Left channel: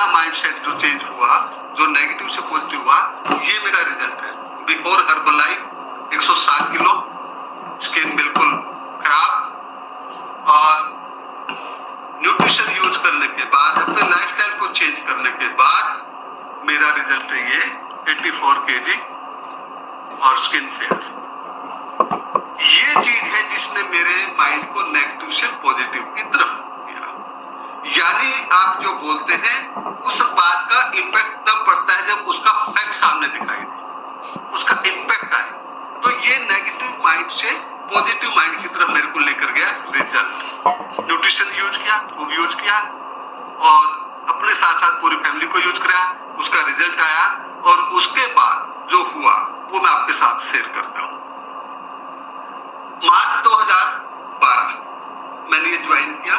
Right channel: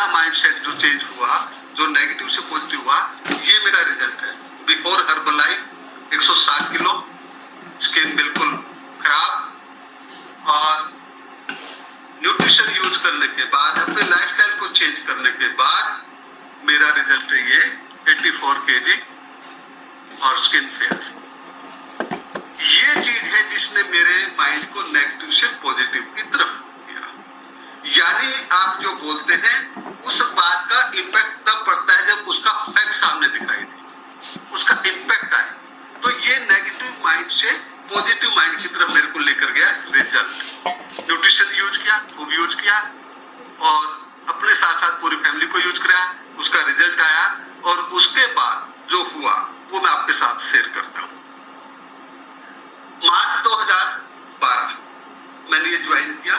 मेरा माइंडसेट जो चेंज हुआ, जो नेगेटिव से पॉजिटिव हुआ, ये मेरा रिजल्ट है। बिफोर हर्बलाइफ 160 किलो, स्किन बिल्कुल खराब, और न्यूट्रिशन यूज करने के बाद, अपने लाइफस्टाइल को चेंज करने के बाद मेरा रिजल्ट है ये 84 kg और स्किन फेयर। ये चीज है जिसने मेरे माइंड को नेगेटिव से पॉजिटिव की तरफ किया। यानी आप जो बोलते हैं उस बात का इम्पैक्ट तब पड़ता है जब उसका फैक्ट सामने दिखाई दे, उसका इम्पैक्ट आए। तो ये नेगेटिव माइंड से पॉजिटिव माइंड की तरफ मेरे को लेकर गया रिजल्ट। न्यूट्रिशन यूज किया, खूब यूज किया, और अपने साथ साथ पूरी फैमिली को यूज कराया, उसका रिजल्ट आया। और उसके बाद जो हुआ वो मैं आपके साथ शेयर करता हूँ। मार्च 2012 मैंने ये ज्वाइन किया,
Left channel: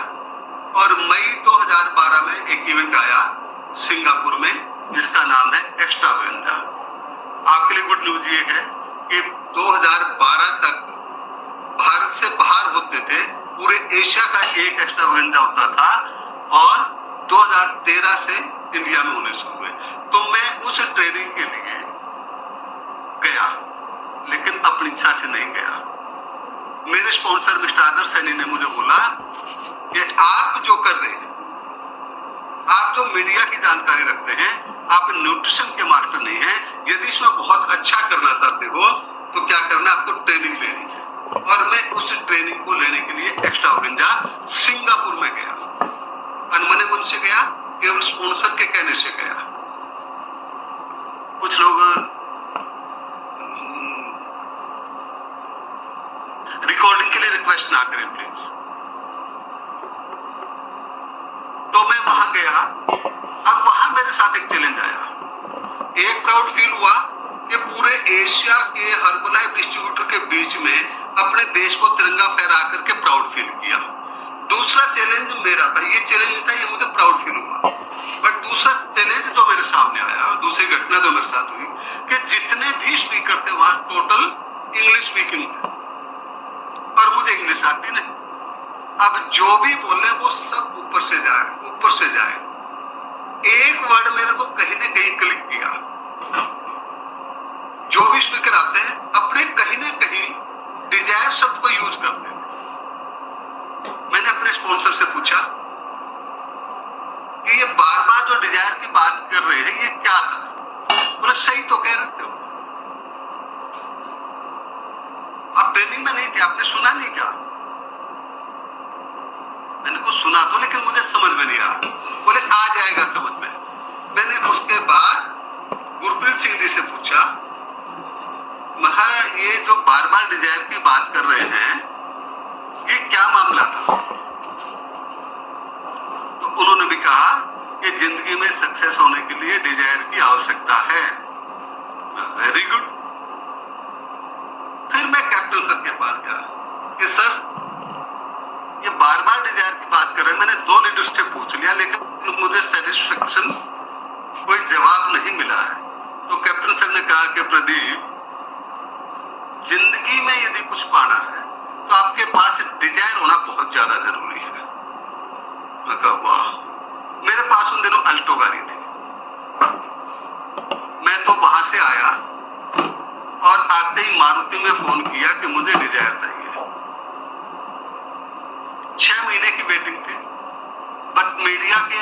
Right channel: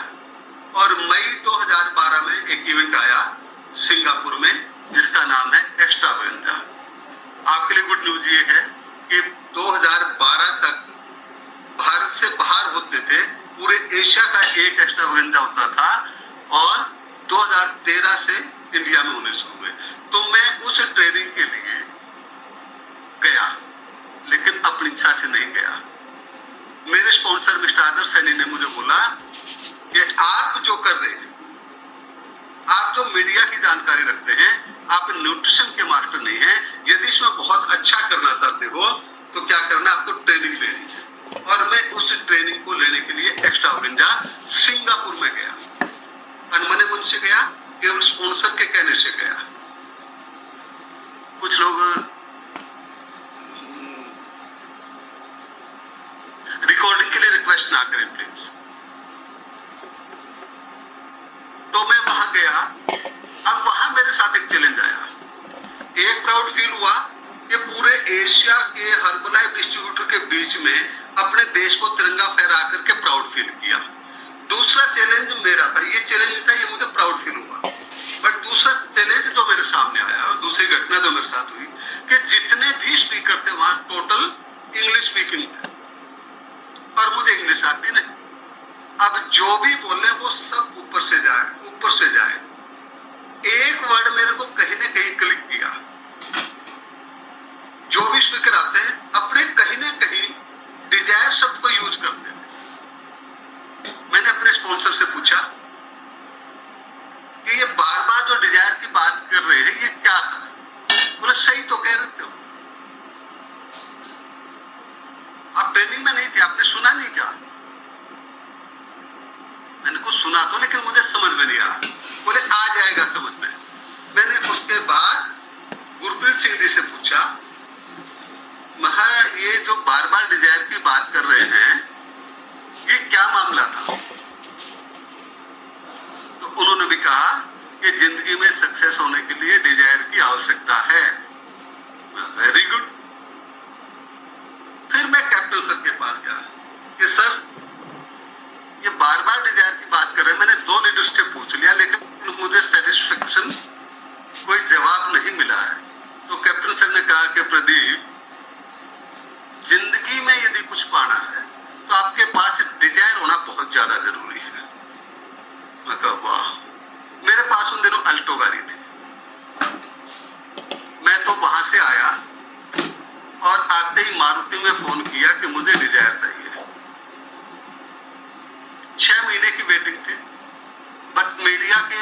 और मई 2012 में एक इवेंट आया सिंगापुर में जिसका नाम है एक्स्ट्रावेगेंजा। आपके लिए गुड न्यूज ये है कि 2012 तक भारत से बाहर होते थे, पूरे एशिया का एक एक्स्ट्रावेगेंजा होता था, और 2013 से इंडिया में होने शुरू हुए। तो मैं उस ट्रेनिंग के लिए गया, लेकिन अपनी इच्छा से नहीं गया। मेरे स्पॉन्सर मिस्टर आदर्श सैनी ने मुझे बोला कि आप जो कर रहे हैं, आप जो मीडिया की जानकारी रखते हैं, आप न्यूट्रिशन के मास्टर नहीं हैं। यदि इसमें बहुत अच्छा करना चाहते हो तो क्या करना, आपको ट्रेनिंग लेनी है। और मैं उस ट्रेनिंग को लेने के लिए एक्स्ट्रावेगेंजा सिंगापुर में गया। अनमने मन से गया, केवल स्पॉन्सर के कहने से गया। कुछ लोग रिकॉर्डिंग के लिए रिक्वेस्ट ना करें प्लीज। तो मैं वहां गया। अब वहां मेरे साथ एक चैलेंज आया। एक प्राउड फील हुआ कि पूरे एशिया के हर्बलाइफ डिस्ट्रीब्यूटर के बीच में अपने देश को तिरंगा फहरा करके प्राउड फील किया। दूसरा चैलेंज मेरा था, ये चैलेंज था, ये मुझे प्राउड फील हुआ। बट दूसरा चैलेंज जो मेरे सामने आया, दूसरी घटना जो मेरे साथ हुई, कि जितने भी स्पीकर थे वहां टोटल इंग्लिश स्पीकिंग थे, और मुझे इंग्लिश आती नहीं। अब जो भी बोले वो सब ऊपर से जाए, ऊपर से जाए। एक वर्ड मेरे को कहीं ना कहीं क्लिक किया। जो भी स्पीकर आते हैं अपने कहीं ना कहीं डिजायर शब्द को यूज करते हैं। मैंने अपने स्पॉन्सर से पूछा कि ये बार बार जो डिजायर की बात कर रहे हैं ये क्या था। बोले सही तो कह रहे थे, आप ट्रेनिंग में नहीं थे, आपने सुना नहीं क्या? मैंने कुछ सुना तो, लेकिन मुझे समझ में नहीं आया। बोले आ जाएगा समझ में। मैंने उसके बाद गुरप्रीत सिंह जी से पूछा, महा ये जो बार बार डिजायर की बात कर रहे हैं ये क्या मामला था? तो उन्होंने भी कहा कि जिंदगी में सक्सेस होने के लिए डिजायर की आवश्यकता है। Very good. फिर मैं कैप्टन सर के पास गया कि सर ये बार बार डिजायर की बात कर रहे हैं। मैंने 2 लीडर से पूछ लिया, लेकिन मुझे सेटिस्फेक्शन कोई जवाब नहीं मिला है। तो कैप्टन सर ने कहा कि प्रदीप, जिंदगी में यदि कुछ पाना है तो आपके पास डिजायर होना बहुत ज्यादा जरूरी है। मैं कहा वाह। मेरे पास उन दिनों अल्टो गाड़ी थी। मैं तो वहां से आया और आते ही मारुति में फोन किया कि मुझे डिजायर चाहिए। 6 महीने की वेटिंग थी, बट मीडिया के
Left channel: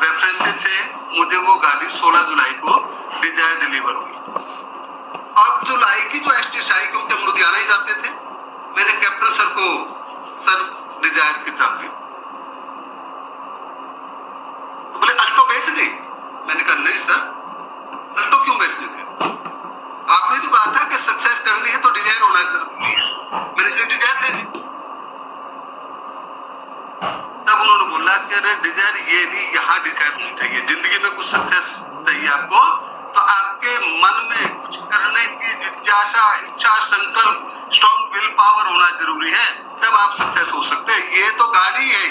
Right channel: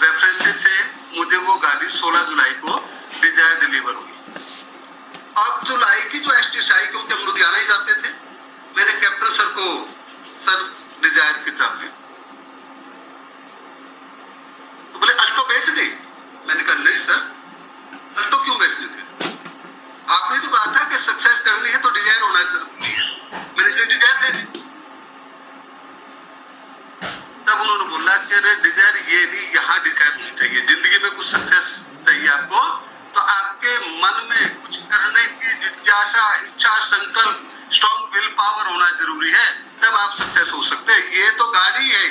रेफरेंसेस से मुझे वो गाड़ी 16 जुलाई को डिजायर डिलीवर हुई। अब जुलाई की जो एसटीआई, क्योंकि हम लुधियाना ही जाते थे, मैंने कैप्टन सर को, सर डिजायर की चाबी। तो बोले अल्टो बेच दी। मैंने कहा नहीं सर, अल्टो क्यों बेचनी थी? आपने तो कहा था कि सक्सेस करनी है तो डिजायर होना जरूरी है, मैंने इसलिए डिजायर ले ली। तब उन्होंने बोला कि अरे डिजायर ये नहीं, यहाँ डिजायर नहीं चाहिए। जिंदगी में कुछ सक्सेस चाहिए आपको तो आपके मन में कुछ करने की जिज्ञासा, इच्छा, संकल्प, स्ट्रॉन्ग विल पावर होना जरूरी है, तब आप सक्सेस हो सकते हैं। ये तो गाड़ी है।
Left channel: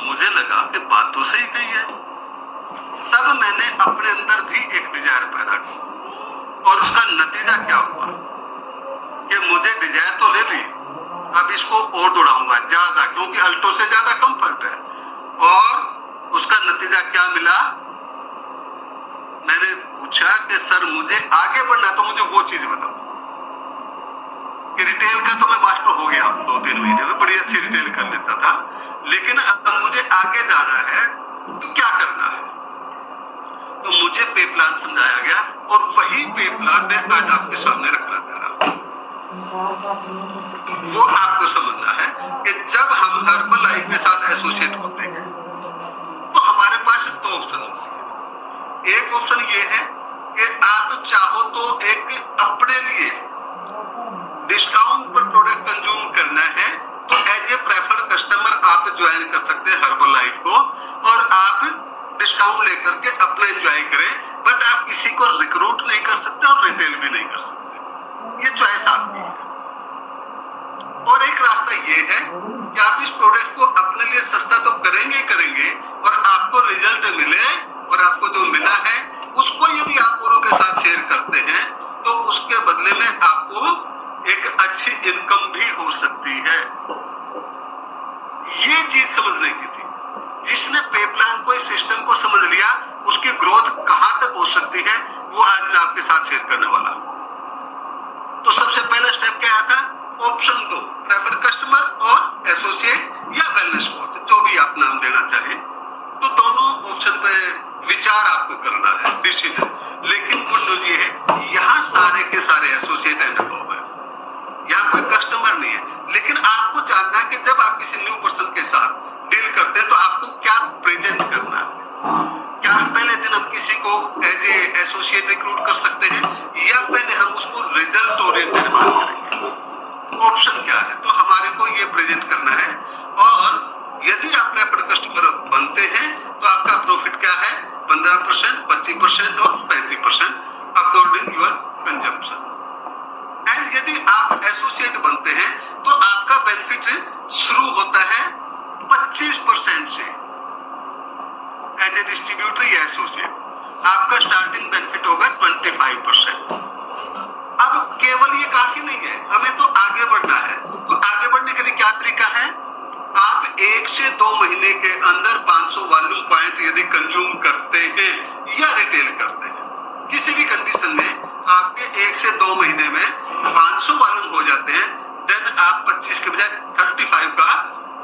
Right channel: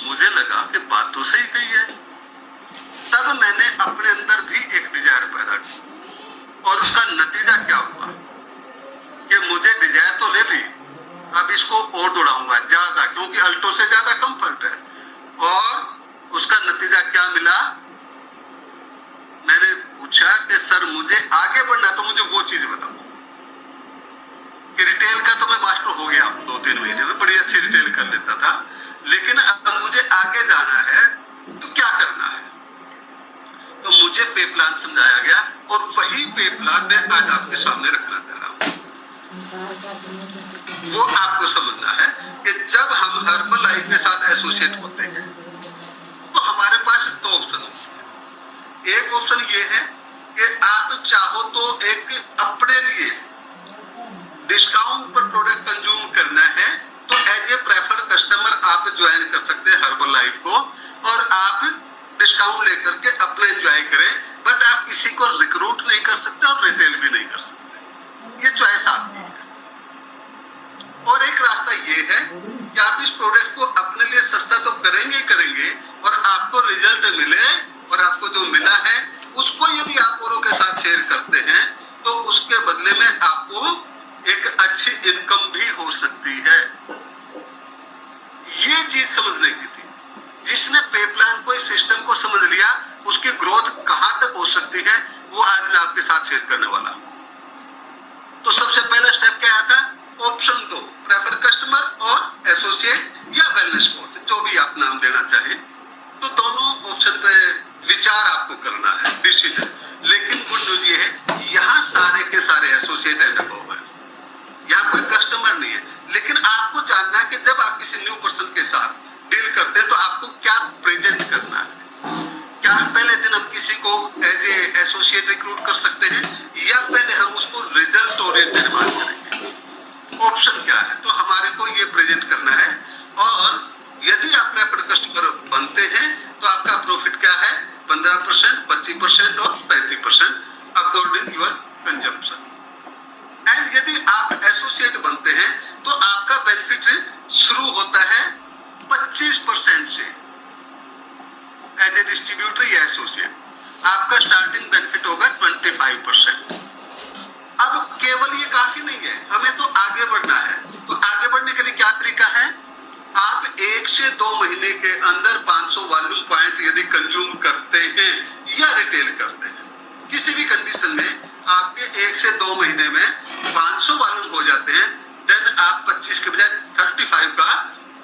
मुझे लगा कि बात तो सही कही है। तब मैंने अपने अंदर भी एक डिजायर पैदा की, और उसका नतीजा क्या हुआ कि मुझे डिजायर तो ले ली, अब इसको और दौड़ाऊंगा ज्यादा, क्योंकि अल्टो से ज्यादा कंफर्ट है। और उसका नतीजा क्या मिला? मैंने पूछा कि सर मुझे आगे बढ़ना, तो मुझे वो चीज बताओ कि रिटेल का तो मैं मास्टर हो गया 2-3 महीने में, बड़ी अच्छी रिटेल कर लेता था, लेकिन अब मुझे आगे जाना है तो क्या करना है? तो मुझे पे प्लान समझाया गया और वही पे प्लान मैं आज आपके सामने रखना चाह रहा हूं। वो आपको समझना है कि जब हम हर्बल लाइफ के साथ एसोसिएट होते हैं तो हमारे पास 2 ऑप्शन होते हैं। एक ऑप्शन ये है कि आप चाहो तो एक अपने लिए डिस्काउंट पर प्रोडक्ट कंज्यूम करना है तो एज ए प्रेफर्ड कस्टमर आप ज्वाइन कर सकते हैं हर्बल लाइफ को, और आप डिस्काउंट लेकर के अपना एंजॉय करें, बट आप किसी को रिक्रूट नहीं कर सकते और रिटेल भी नहीं कर सकते। ये चॉइस आपकी है। और एक रास्ता ये है कि आप इस प्रोडक्ट को अपने लिए सस्ता तो करेंगे करेंगे और आपको रिजल्ट मिले, और आपको जो मिला है उसको यदि आप औरों के साथ शेयर करते हैं तो उसके बदले में आपको एक अच्छी इनकम भी हो सकती है। ये चीज समझने की थी। जिसने पे प्लान को, इस सिस्टम को समझ लिया, उसकी ग्रोथ कहां तक हो सकती है वो आज मैं आपके साथ शेयर करने वाला हूं। तो सबसे पहला स्टेप क्या आता? ऑप्शन 2, प्रेफर कस्टमर और एसोसिएट या वेलनेस कोच, जो भी आप नाम देना चाहे। तो दोनों ऑप्शन पे विचार आपको करना है, डिसीजन। लेकिन गुड न्यूज ये है, यहाँ सारे के सारे एसोसिएट एंड अबव है, यहाँ कोई कस्टमर नहीं है। लेकिन आपको जानना है कि जब आप किसी न्यू पर्सन के साथ डील करते हैं तो आपको क्या प्रेजेंट करना है। क्या पहले दिन हम किसी को एज ए एसोसिएट रिक्रूट कर सकते हैं, या पहले हम उसको रिजल्ट ओरिएंटेड बात करेंगे? ऑप्शन क्या है? तो हमारे को ये प्रेजेंट करना है। और यदि आप प्रेफर्ड कस्टमर बनते हैं तो आपका प्रॉफिट क्या है? 15%, 25% और 35% अकॉर्डिंग योर कंजम्पशन। एंड यदि आप एसोसिएट बनते हैं तो आपका बेनिफिट शुरू होता है 25% से। एज ए डिस्ट्रीब्यूटर या एसोसिएट आपका स्टार्टिंग बेनिफिट होगा 25%। अब केवल ये काफी नहीं है, हमें तो आगे बढ़ना है। तो आगे बढ़ने के लिए क्या तरीका है? आप 1 से 2 महीने के अंदर 500 वॉल्यूम पॉइंट यदि कंज्यूम करते हैं या रिटेल करते हैं, किसी भी कंडीशन में आपके 1 से 2 महीने में 500 वॉल्यूम हो जाते हैं, देन आप 25 के बजाय 35 का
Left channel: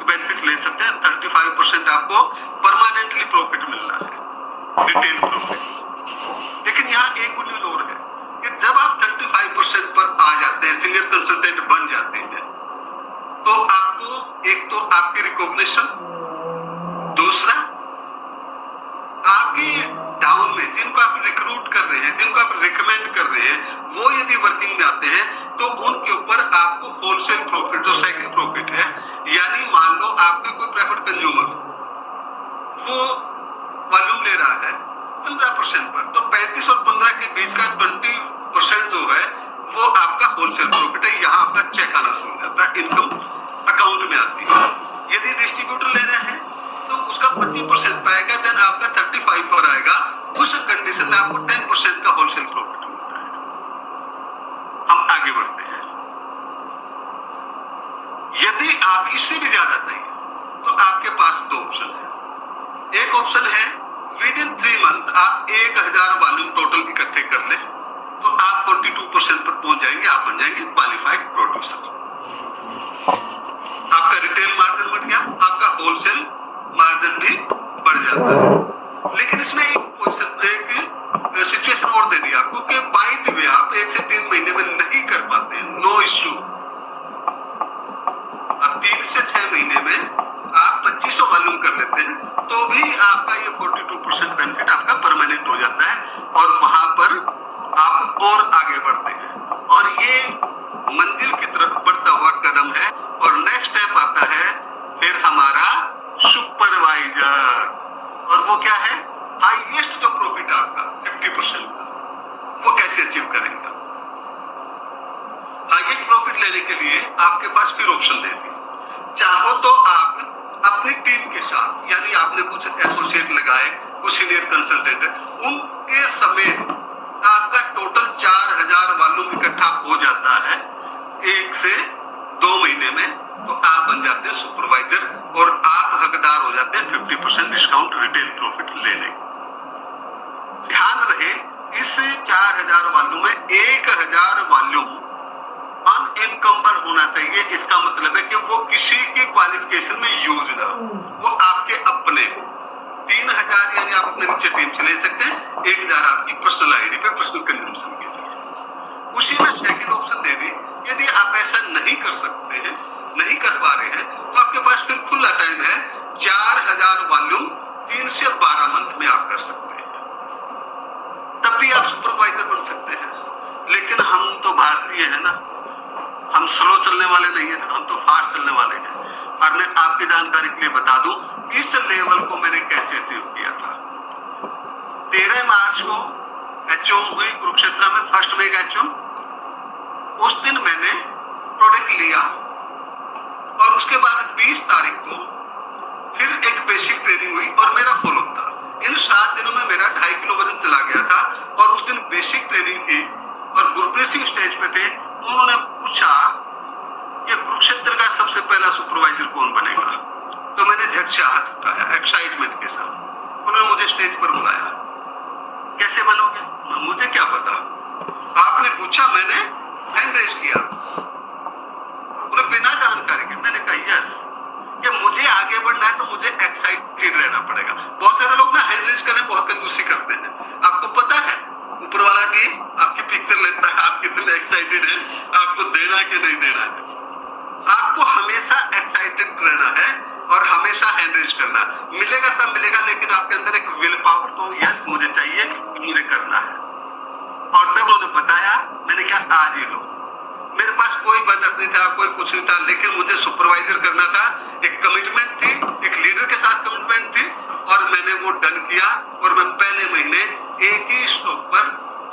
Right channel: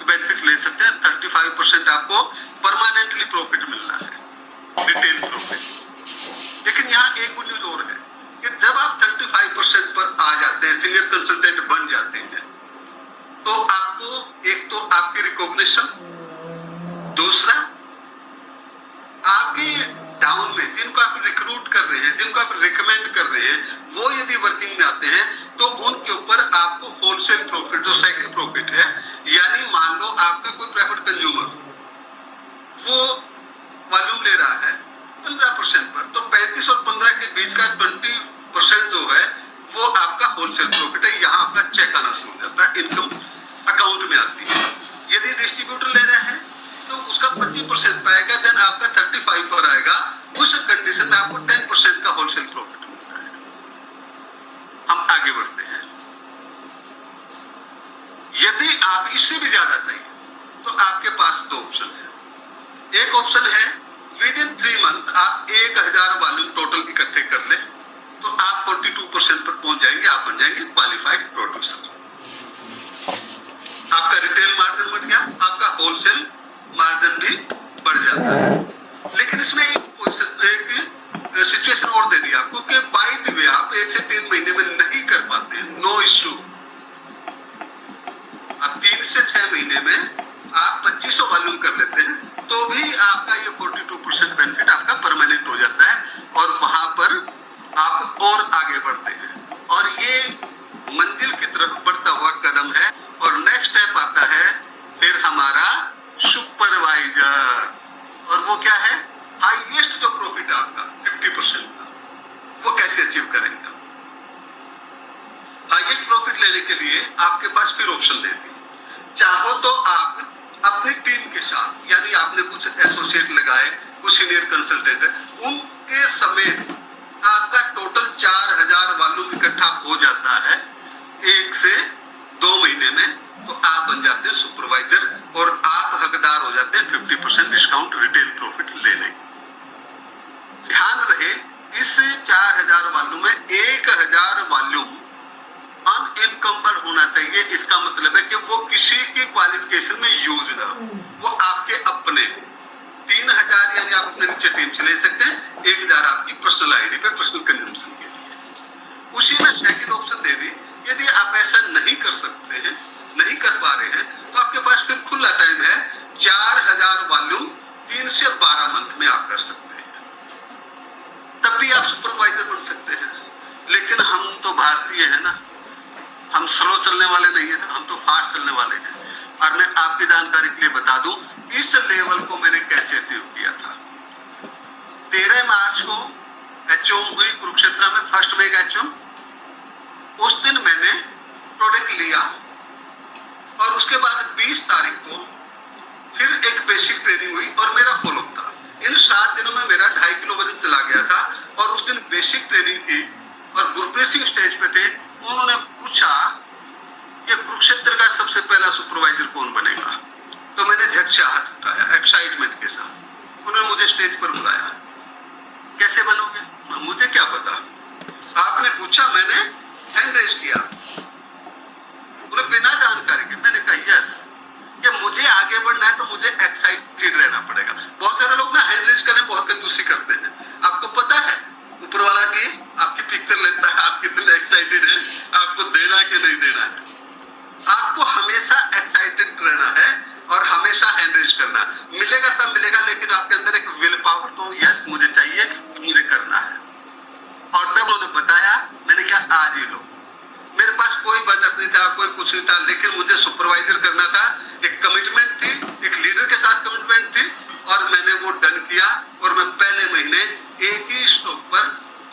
बेनिफिट ले सकते हैं। 35% आपको परमानेंटली प्रॉफिट मिलना है, रिटेल प्रॉफिट। लेकिन यहाँ एक गुड न्यूज और है कि जब आप 35% पर आ जाते हैं, सीनियर कंसल्टेंट बन जाते हैं, तो आपको एक तो आपकी रिकॉग्निशन, दूसरा आपके डाउन में जिनको आप रिक्रूट कर रहे हैं, जिनको आप रिकमेंड कर रहे हैं, वो यदि वर्किंग में आते हैं तो उनके ऊपर आपको होलसेल प्रॉफिट, जो सेकंड प्रॉफिट है, यानी मान लो आपका कोई प्रेफर्ड कंज्यूमर वो वॉल्यूम ले रहा है 15% पर, तो 35 और 15 के बीच का 20% जो है वो आपका होलसेल प्रॉफिट है। यहाँ आपका चेक आना शुरू हो जाता है, इनकम अकाउंट में आती है। यदि डिस्ट्रीब्यूटर ले रहे हैं तो उसका 25% पाएगा, देन आपका 35 पर आएगा। उस कंडीशन में आपको 10% का होलसेल प्रॉफिट मिलता है। हम आगे बढ़ते हैं। यदि आप इससे भी ज्यादा चाहिए तो आपके पास 2 ऑप्शन है। एक ऑप्शन है विद इन 3 मंथ आप 1000 वॉल्यूम टोटल इकट्ठे कर ले तो आप 42% पर पहुंच जाएंगे, आप बन जाएंगे क्वालिफाइड प्रोड्यूसर। आपका रिटेल मार्जिन बढ़ गया, आपका होलसेल मार्जिन भी बढ़ जाता है। लेकिन इसमें एक सिचुएशन और दे दी आपको कि बाय द वे आप 1 से 3 महीने में नहीं कर पाते हैं, नो इश्यू। अब 3 से 6 महीने में आप 2500 वॉल्यूम कर लेते हैं तो भी आपका ये 42% बेनिफिट आपका परमानेंट हो जाता है, और वहां पर आप और आगे बढ़ते हैं और ये मंजिल की तरफ बढ़ता हुआ कदम है। और नेक्स्ट स्टेप आता है फिर हमारा सुपरवाइजर, और वो क्या है? हाईएस्ट जो प्रॉफिट आपका 50% का, वो कैसे अचीव करेंगे? हाईएस्ट प्रॉफिट लेने के लिए आपके पास फिर ऑप्शन दे दी। चाहो तो आप अपनी टीम के साथ, यानी आपने कुछ एसोसिएट लगाए, कुछ सीनियर कंसल्टेंट, उनके समेत आपका टोटल 4000 वॉल्यूम इकट्ठा हो जाता है 1 से 2 महीने में, तो आप बन जाते हैं सुपरवाइजर और आप हकदार हो जाते हैं 50% डिस्काउंट रिटेल प्रॉफिट लेने। ध्यान रहे, इस 4000 वॉल्यूम में 1000 वॉल्यूम अनइनकम्बर होना चाहिए। इसका मतलब है कि वो किसी की क्वालिफिकेशन में यूज ना हो, वो आपके अपने। 3000 यानी आप अपने नीचे टीम से ले सकते हैं, 1000 आपकी पर्सनल आईडी पे पर्सनल कंजम्पशन के लिए। उसी में सेकंड ऑप्शन दे दी, यदि आप ऐसा नहीं कर सकते हैं, नहीं कर पा रहे हैं, तो आपके पास फिर खुला टाइम है। 4000 वॉल्यूम 3 से 12 मंथ में आप कर सकते हैं, तब भी आप सुपरवाइजर बन सकते हैं। लेकिन हम तो भारतीय है ना, हम स्लो चलने वाले नहीं है ना, हम तो फास्ट चलने वाले हैं। और मैं आपकी जानकारी के लिए बता दूं, इस लेवल को मैंने कैसे अचीव किया था। 13 मार्च को एचओम हुई कुरुक्षेत्र में, फर्स्ट मेगा एचओम। उस दिन मैंने प्रोडक्ट लिया और उसके बाद 20 तारीख को फिर एक बेसिक ट्रेनिंग हुई और मेरा फॉलो था। इन 7 दिनों में मेरा 2.5 किलो वजन चला गया था। और उस दिन बेसिक ट्रेनिंग की और गुरप्रीत सिंह स्टेज पे थे। उन्होंने पूछा कि कुरुक्षेत्र का सबसे पहला सुपरवाइजर कौन बनेगा, तो मैंने झट से हाथ उठाया एक्साइटमेंट के साथ। उन्होंने मुझे स्टेज पर बुलाया, कैसे बनोगे, मुझे क्या पता, आपने पूछा, मैंने हैंड रेज किया, उन्हें बिना जानकारी के। मैंने कहा यस, कि मुझे आगे बढ़ना है तो मुझे एक्साइटेड रहना पड़ेगा। बहुत सारे लोग ना हैंड रेज करने बहुत कंजूसी करते हैं। आपको पता है ऊपर वाला की आपकी पिक्चर लेता है, आप कितने एक्साइटेड हैं, आपको देना है कि नहीं देना है। आपको हमेशा एक्साइटेड रहना है और हमेशा हैंड रेज करना। मिलेगा तब मिलेगा, लेकिन आपके अंदर एक विल पावर तो यस मुझे चाहिए, मुझे करना है। और तब उन्होंने बताया, मैंने कहा आज ही लो। मेरे पास कोई बजट नहीं था, कोई कुछ नहीं था, लेकिन मुझे सुपरवाइजर करना था। एक कमिटमेंट थी, एक लीडर के साथ कमिटमेंट थी और मैंने वो डन किया। और मैं पहले महीने एक ही स्टॉक पर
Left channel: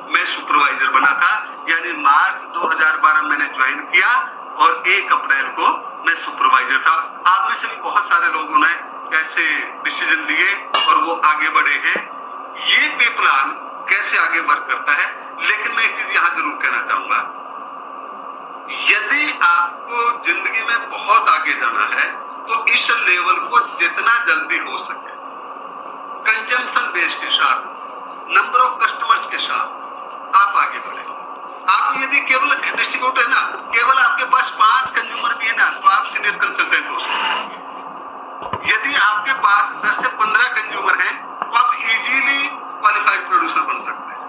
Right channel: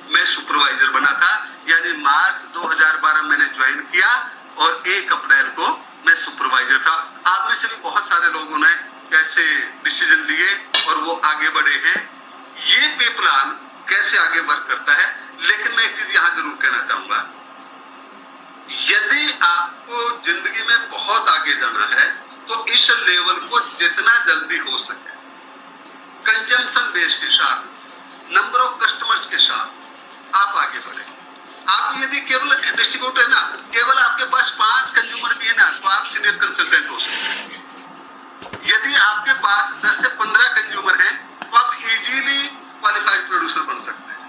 मैं सुपरवाइजर बना था, यानी मार्च 2012 मैंने ज्वाइन किया और 1 अप्रैल को मैं सुपरवाइजर था। आप में से भी बहुत सारे लोगों ने कैसे डिसीजन लिए और वो आगे बढ़े हैं। ये पे प्लान कैसे आगे वर्क करता है। लेकिन मैं एक चीज यहां जरूर कहना चाहूंगा, यदि आपको जिंदगी में बहुत आगे जाना है तो इस लेवल को जितना जल्दी हो सके कंजम्पशन बेस के साथ, नंबर ऑफ कस्टमर्स के साथ आप आगे बढ़े। आप यदि केवल डिस्ट्रीब्यूटर है ना, केवल आपके पास 5 कंज्यूमर भी है ना, तो आप सीनियर कंसल्टेंट हो सकते हैं। यदि आपके पास 10 से 15 कंज्यूमर हैं तो आप इजीली क्वालिफाइड प्रोड्यूसर बन सकते हैं।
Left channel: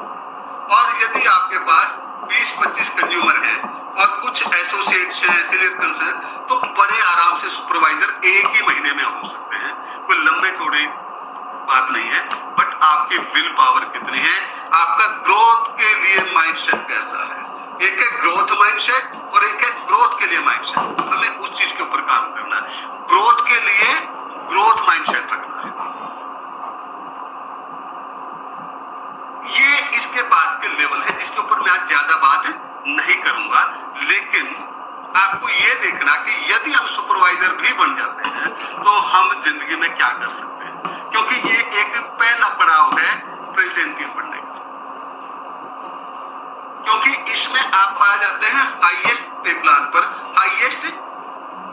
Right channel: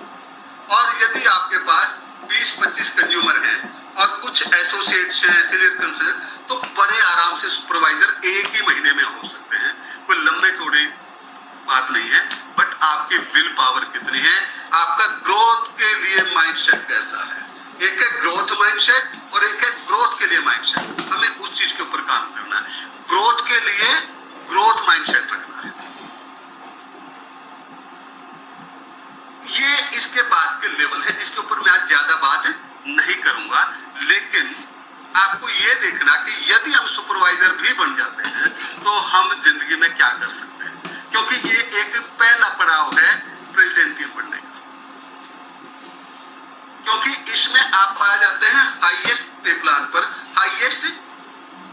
और यदि आपके पास 20-25 कंज्यूमर हैं और कुछ एसोसिएट्स हैं, सीनियर कंसल्टेंट, तो बड़े आराम से सुपरवाइजर एक ही महीने में हो सकते हैं। कोई लंबे चौड़े बात नहीं है, बट आपकी विल पावर कितनी है, आपका ग्रोथ के लिए माइंडसेट कैसा है। एक है ग्रोथ माइंडसेट और एक है ग्रोथ के लिए माइंडसेट। हमें उस चीज के ऊपर काम करना है। ग्रोथ के लिए ग्रोथ माइंडसेट रखना है। ये इसके बाद के लेवल है जिसके ऊपर मैं आज ज्यादा बात नहीं करूंगा। लेकिन आपको ये देखना कि यदि हम सुपरवाइजर भी बन जाते हैं तो हम जिंदगी में क्या कर सकते हैं, क्योंकि ये एक पहला पड़ाव है प्रेसिडेंट टीम बनने का। क्योंकि इसमें आप पा जाते हैं हाईएस्ट पे प्लान पर, हाईएस्ट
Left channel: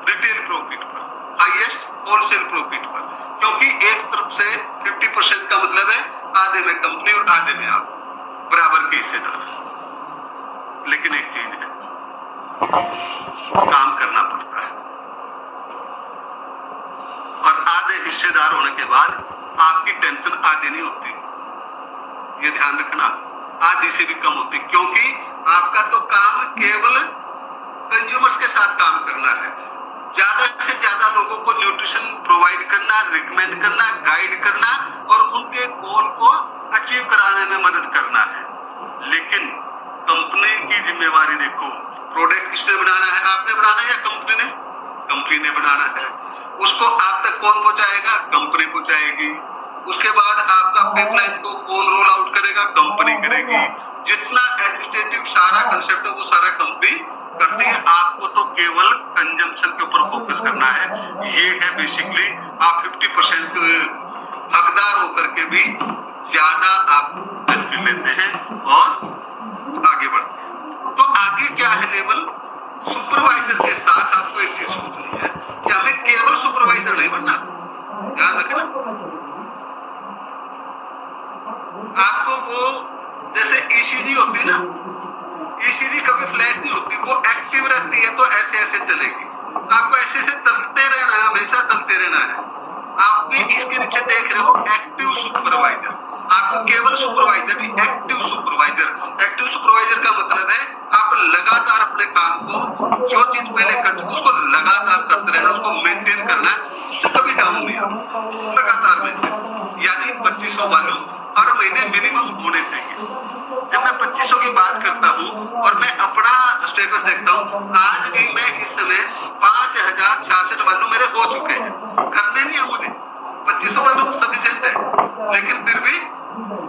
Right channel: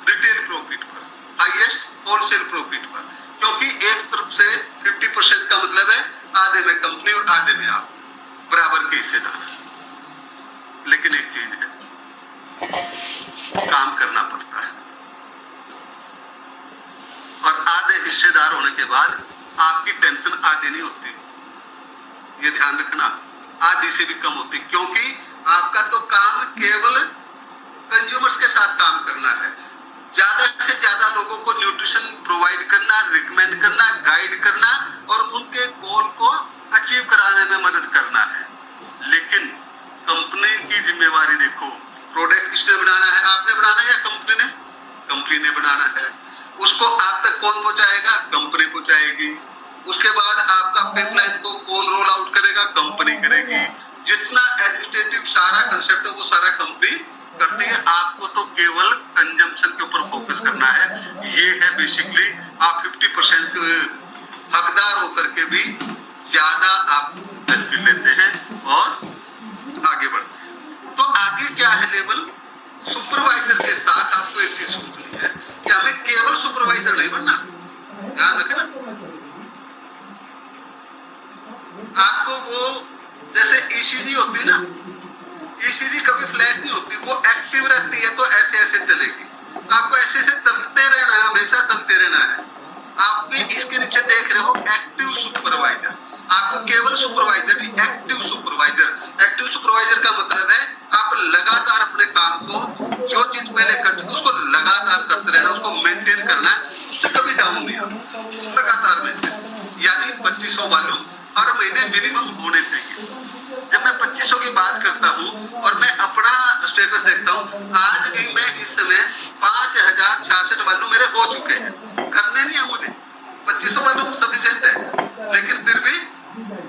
रिटेल प्रॉफिट पर, हाईएस्ट होलसेल प्रॉफिट पर। क्योंकि एक तरफ से 50% का मतलब है आधे में कंपनी और आधे में आप बराबर के हिस्सेदार। लेकिन एक चीज है, काम करना पड़ता है और आधे हिस्सेदार होने के बाद आपकी टेंशन आधी नहीं होती। ये ध्यान रखना, आधी से भी कम होती, क्योंकि आपका तो काम केवल कंज्यूमर्स के साथ काम करना है। ज्यादा से ज्यादा लोगों को न्यूट्रिशन प्रोवाइड करना, रिकमेंड करना, गाइड करना और उनके गोल को अचीव कराने में मदद करना है। लेकिन कंपनी की जिम्मेवारी देखो, प्रोडक्ट किसने बनाना है, आपने बनाना है या कंपनी ने? कंपनी ने बनाना है। उसको आप तक कौन पहुंचाएगा? कंपनी पहुंचाएगी। उसके बाद आपका पाइपलाइन को कौन रोल आउट करेगा? कंपनी करेगी। जितना एडमिनिस्ट्रेटिव सारा कंसेप्ट है वो सारा कंपनी करती है। आपको तो केवल कंजम्पशन के ऊपर फोकस करना है। ये है बेसिकली, आप 50% हकदार होकर के भी ज्यादा आप बेनिफिट लेते हैं और आगे बढ़ते हैं। तो आगे क्या है लेवल? सुपरवाइजर के साथ आपको एक चीज सोचनी है कि हमें केवल सुपरवाइजर नहीं बनना, ध्यान रखना। आपको वो जैसे ईसीजी होती है ना, ईसीजी कभी फ्लैट नहीं होती, वो एक्टिव रहती है तो ऐसे ऐसे चलेगी। आपको ऐसे ऐसे चलते रहना है, हमेशा चलते रहना है। आप भी इसके नीचे देख रहे हो एक्टिव सुपरवाइजर, आपको केवल सुपरवाइजर नहीं, एक्टिव सुपरवाइजर। एक्टिव सुपरवाइजर का मतलब है आप लगातार अपने काम को, जो चीज पहले कर चुके उसको लगातार करते रहना, उसको मेंटेन करना है, उससे कभी डाउन नहीं होगा, लगातार मेंटेन। यानी 2500 वॉल्यूम हर महीने मिनिमम होने चाहिए। जब मैं 2500 की बात करता हूँ और मैं अपना स्टेटस देखता हूँ, आज भी मैं इस समय 5066 वॉल्यूम मेरे हो चुके हैं, करने नहीं है मुझे, 2500 वॉल्यूम सफिशिएंट है। लेकिन फिर भी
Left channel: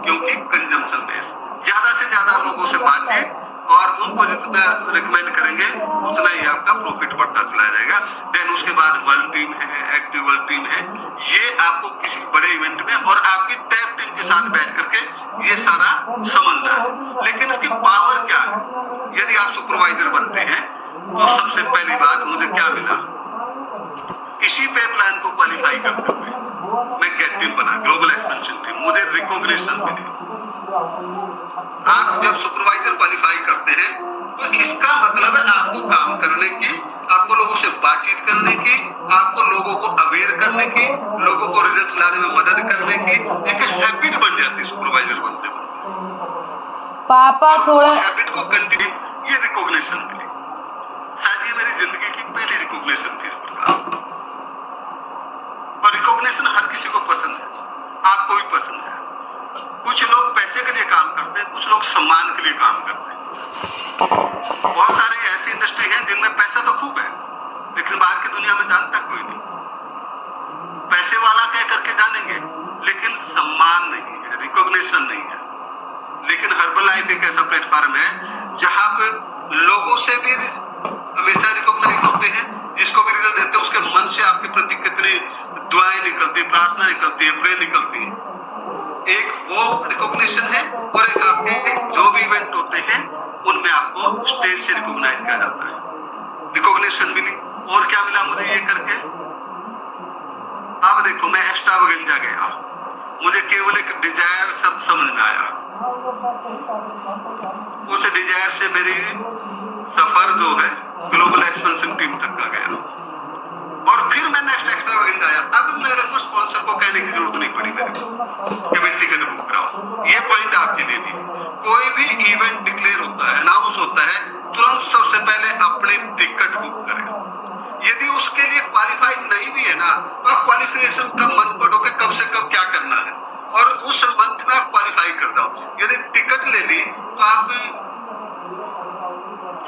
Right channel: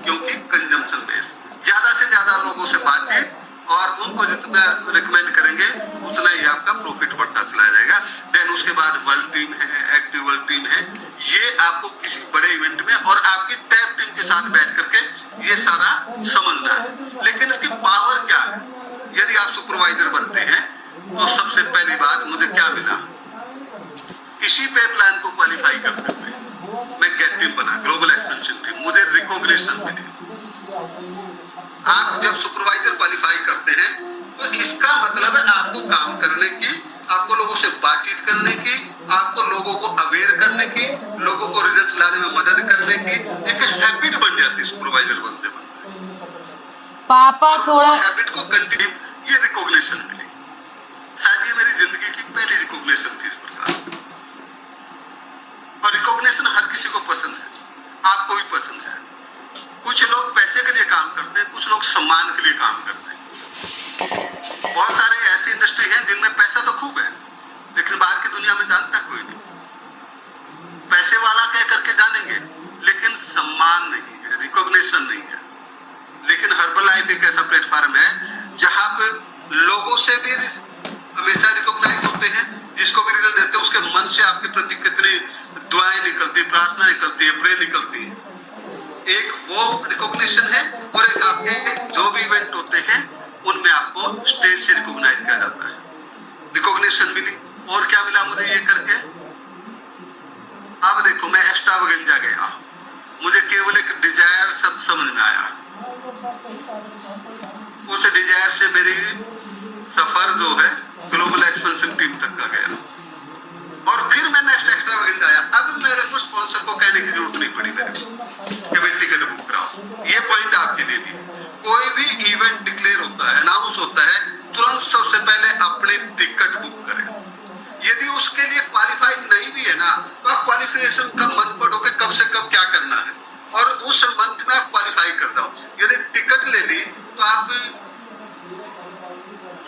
क्योंकि कंजम्पशन बेस, ज्यादा से ज्यादा लोगों से बातचीत और उनको जितना रिकमेंड करेंगे उतना ही आपका प्रॉफिट बढ़ता चला जाएगा। देन उसके बाद वर्ल्ड टीम है, एक्टिव वर्ल्ड टीम है, ये आपको किसी बड़े इवेंट में और आपकी टैप टीम के साथ बैठ करके ये सारा समझना है। लेकिन इसकी पावर क्या है? यदि आप सुपरवाइजर बनते हैं तो सबसे पहली बात मुझे क्या मिला, किसी पे प्लान को क्वालिफाई करते हुए मैं गेट टीम बना, ग्लोबल एक्सपेंशन टीम, मुझे रिकॉग्निशन मिली। आप जब सुपरवाइजर क्वालिफाई करते हैं तो इसका मतलब है आपको काम करने की, आपको लोगों से बातचीत करने की, आपको लोगों को अवेयर करने की, लोगों को रिजल्ट लाने में मदद करने की एक हैबिट बन जाती है सुपरवाइजर बनते बनते। पापा थोड़ा हैबिट को कंटिन्यू, ये रिकॉग्निशन मिली। शायद ये मेरी जिंदगी की पहली रिकॉग्निशन थी इस प्रकार। और रिकॉग्निशन हर किसी को पसंद है, आपको भी पसंद है। कुछ लोग पैसे के लिए काम करते हैं, कुछ लोग सम्मान के लिए काम करते हैं। बहुत सारे ऐसी इंडस्ट्री हैं जिनमें पैसा तो खूब है, लेकिन बाहर की दुनिया में जानता कोई नहीं। पैसे वाला कह करके जानेंगे, लेकिन सम्मान नहीं है, रिकॉग्निशन नहीं है। लेकिन हर्बलाइफ एक ऐसा प्लेटफॉर्म है जहां पे लोगों से भी हमेशा रिकॉग्नाइज होते हैं, जिसको भी रिजल्ट देते हैं उसके मन से आपके प्रति कितनी दुआएं निकलती, प्रार्थना निकलती है, प्रे निकलती है। एक वो रिकॉग्निशन है और एक आपके जो भी इवेंट होते हैं उनमें आपको स्टेज से रिकॉग्नाइज किया जाता है। रिकॉग्निशन मिली, और क्या मिला मुझे ये करके? अब देखो, मैं एक्स्ट्रावेगेंजा गया, मुझे केवल एक डिजायर शब्द समझ में आया। उस डिजायर से मेरी सफर जो है ग्लोबल एक्सपेंशन टीम तक का गया, और फिर मैं नेक्स्ट एक्स्ट्रावेगेंजा आया। अब मेरे को स्पॉन्सर को कहने की जरूरत नहीं पड़ी मेरे को कि मैं टिकट बुक कराओ। ये पॉइंट आपके लिए भी, कोई भी इवेंट डिक्लेयर होता है, अनाउंस होता है, तुरंत सबसे पहले अपनी टिकट बुक करें। यदि उसके लिए क्वालिफाइड नहीं भी है ना, तो आप क्वालिफिकेशन का मंथ पढ़ो कि कब से कब क्या करना है, और उस मंथ में आप क्वालिफाई कर दो। यदि टिकट ले ली तो आप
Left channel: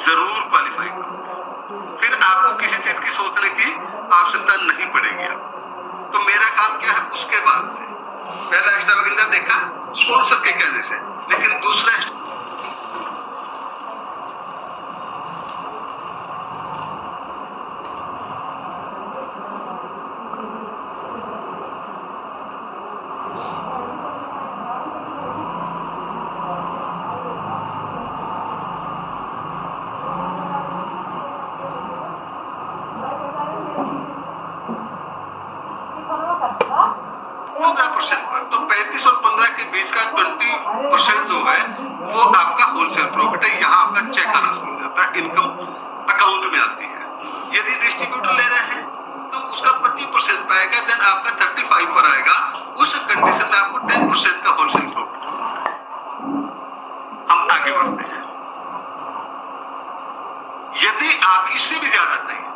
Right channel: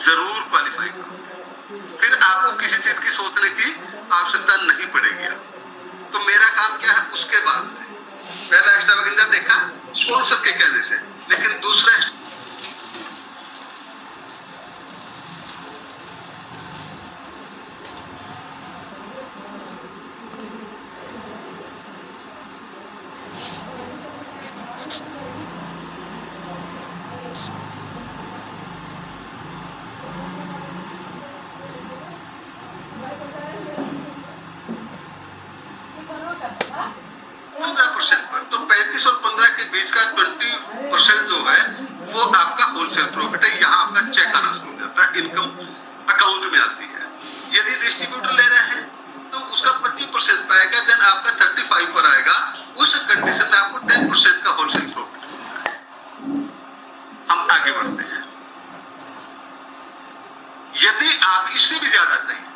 जरूर क्वालिफाई करो, फिर आपको किसी चीज की सोचने की आवश्यकता नहीं पड़ेगी। तो मेरा काम क्या है, उसके बाद से पहला एक्स्ट्रावेगेंजा देखा स्पॉन्सर के कहने से, लेकिन दूसरा पर, तो 35 और 15 के बीच का 20% जो है वो आपका होलसेल प्रॉफिट है। यहाँ आपका चेक आना शुरू हो जाता है, इनकम अकाउंट में आती है। यदि डिस्ट्रीब्यूटर ले रहे हैं तो उसका 25% पाएगा, देन आपका 35 पर आएगा। उस कंडीशन में आपको 10% का होलसेल प्रॉफिट होता है। हम आगे बढ़ते हैं। यदि आप इससे भी ज्यादा चाहिए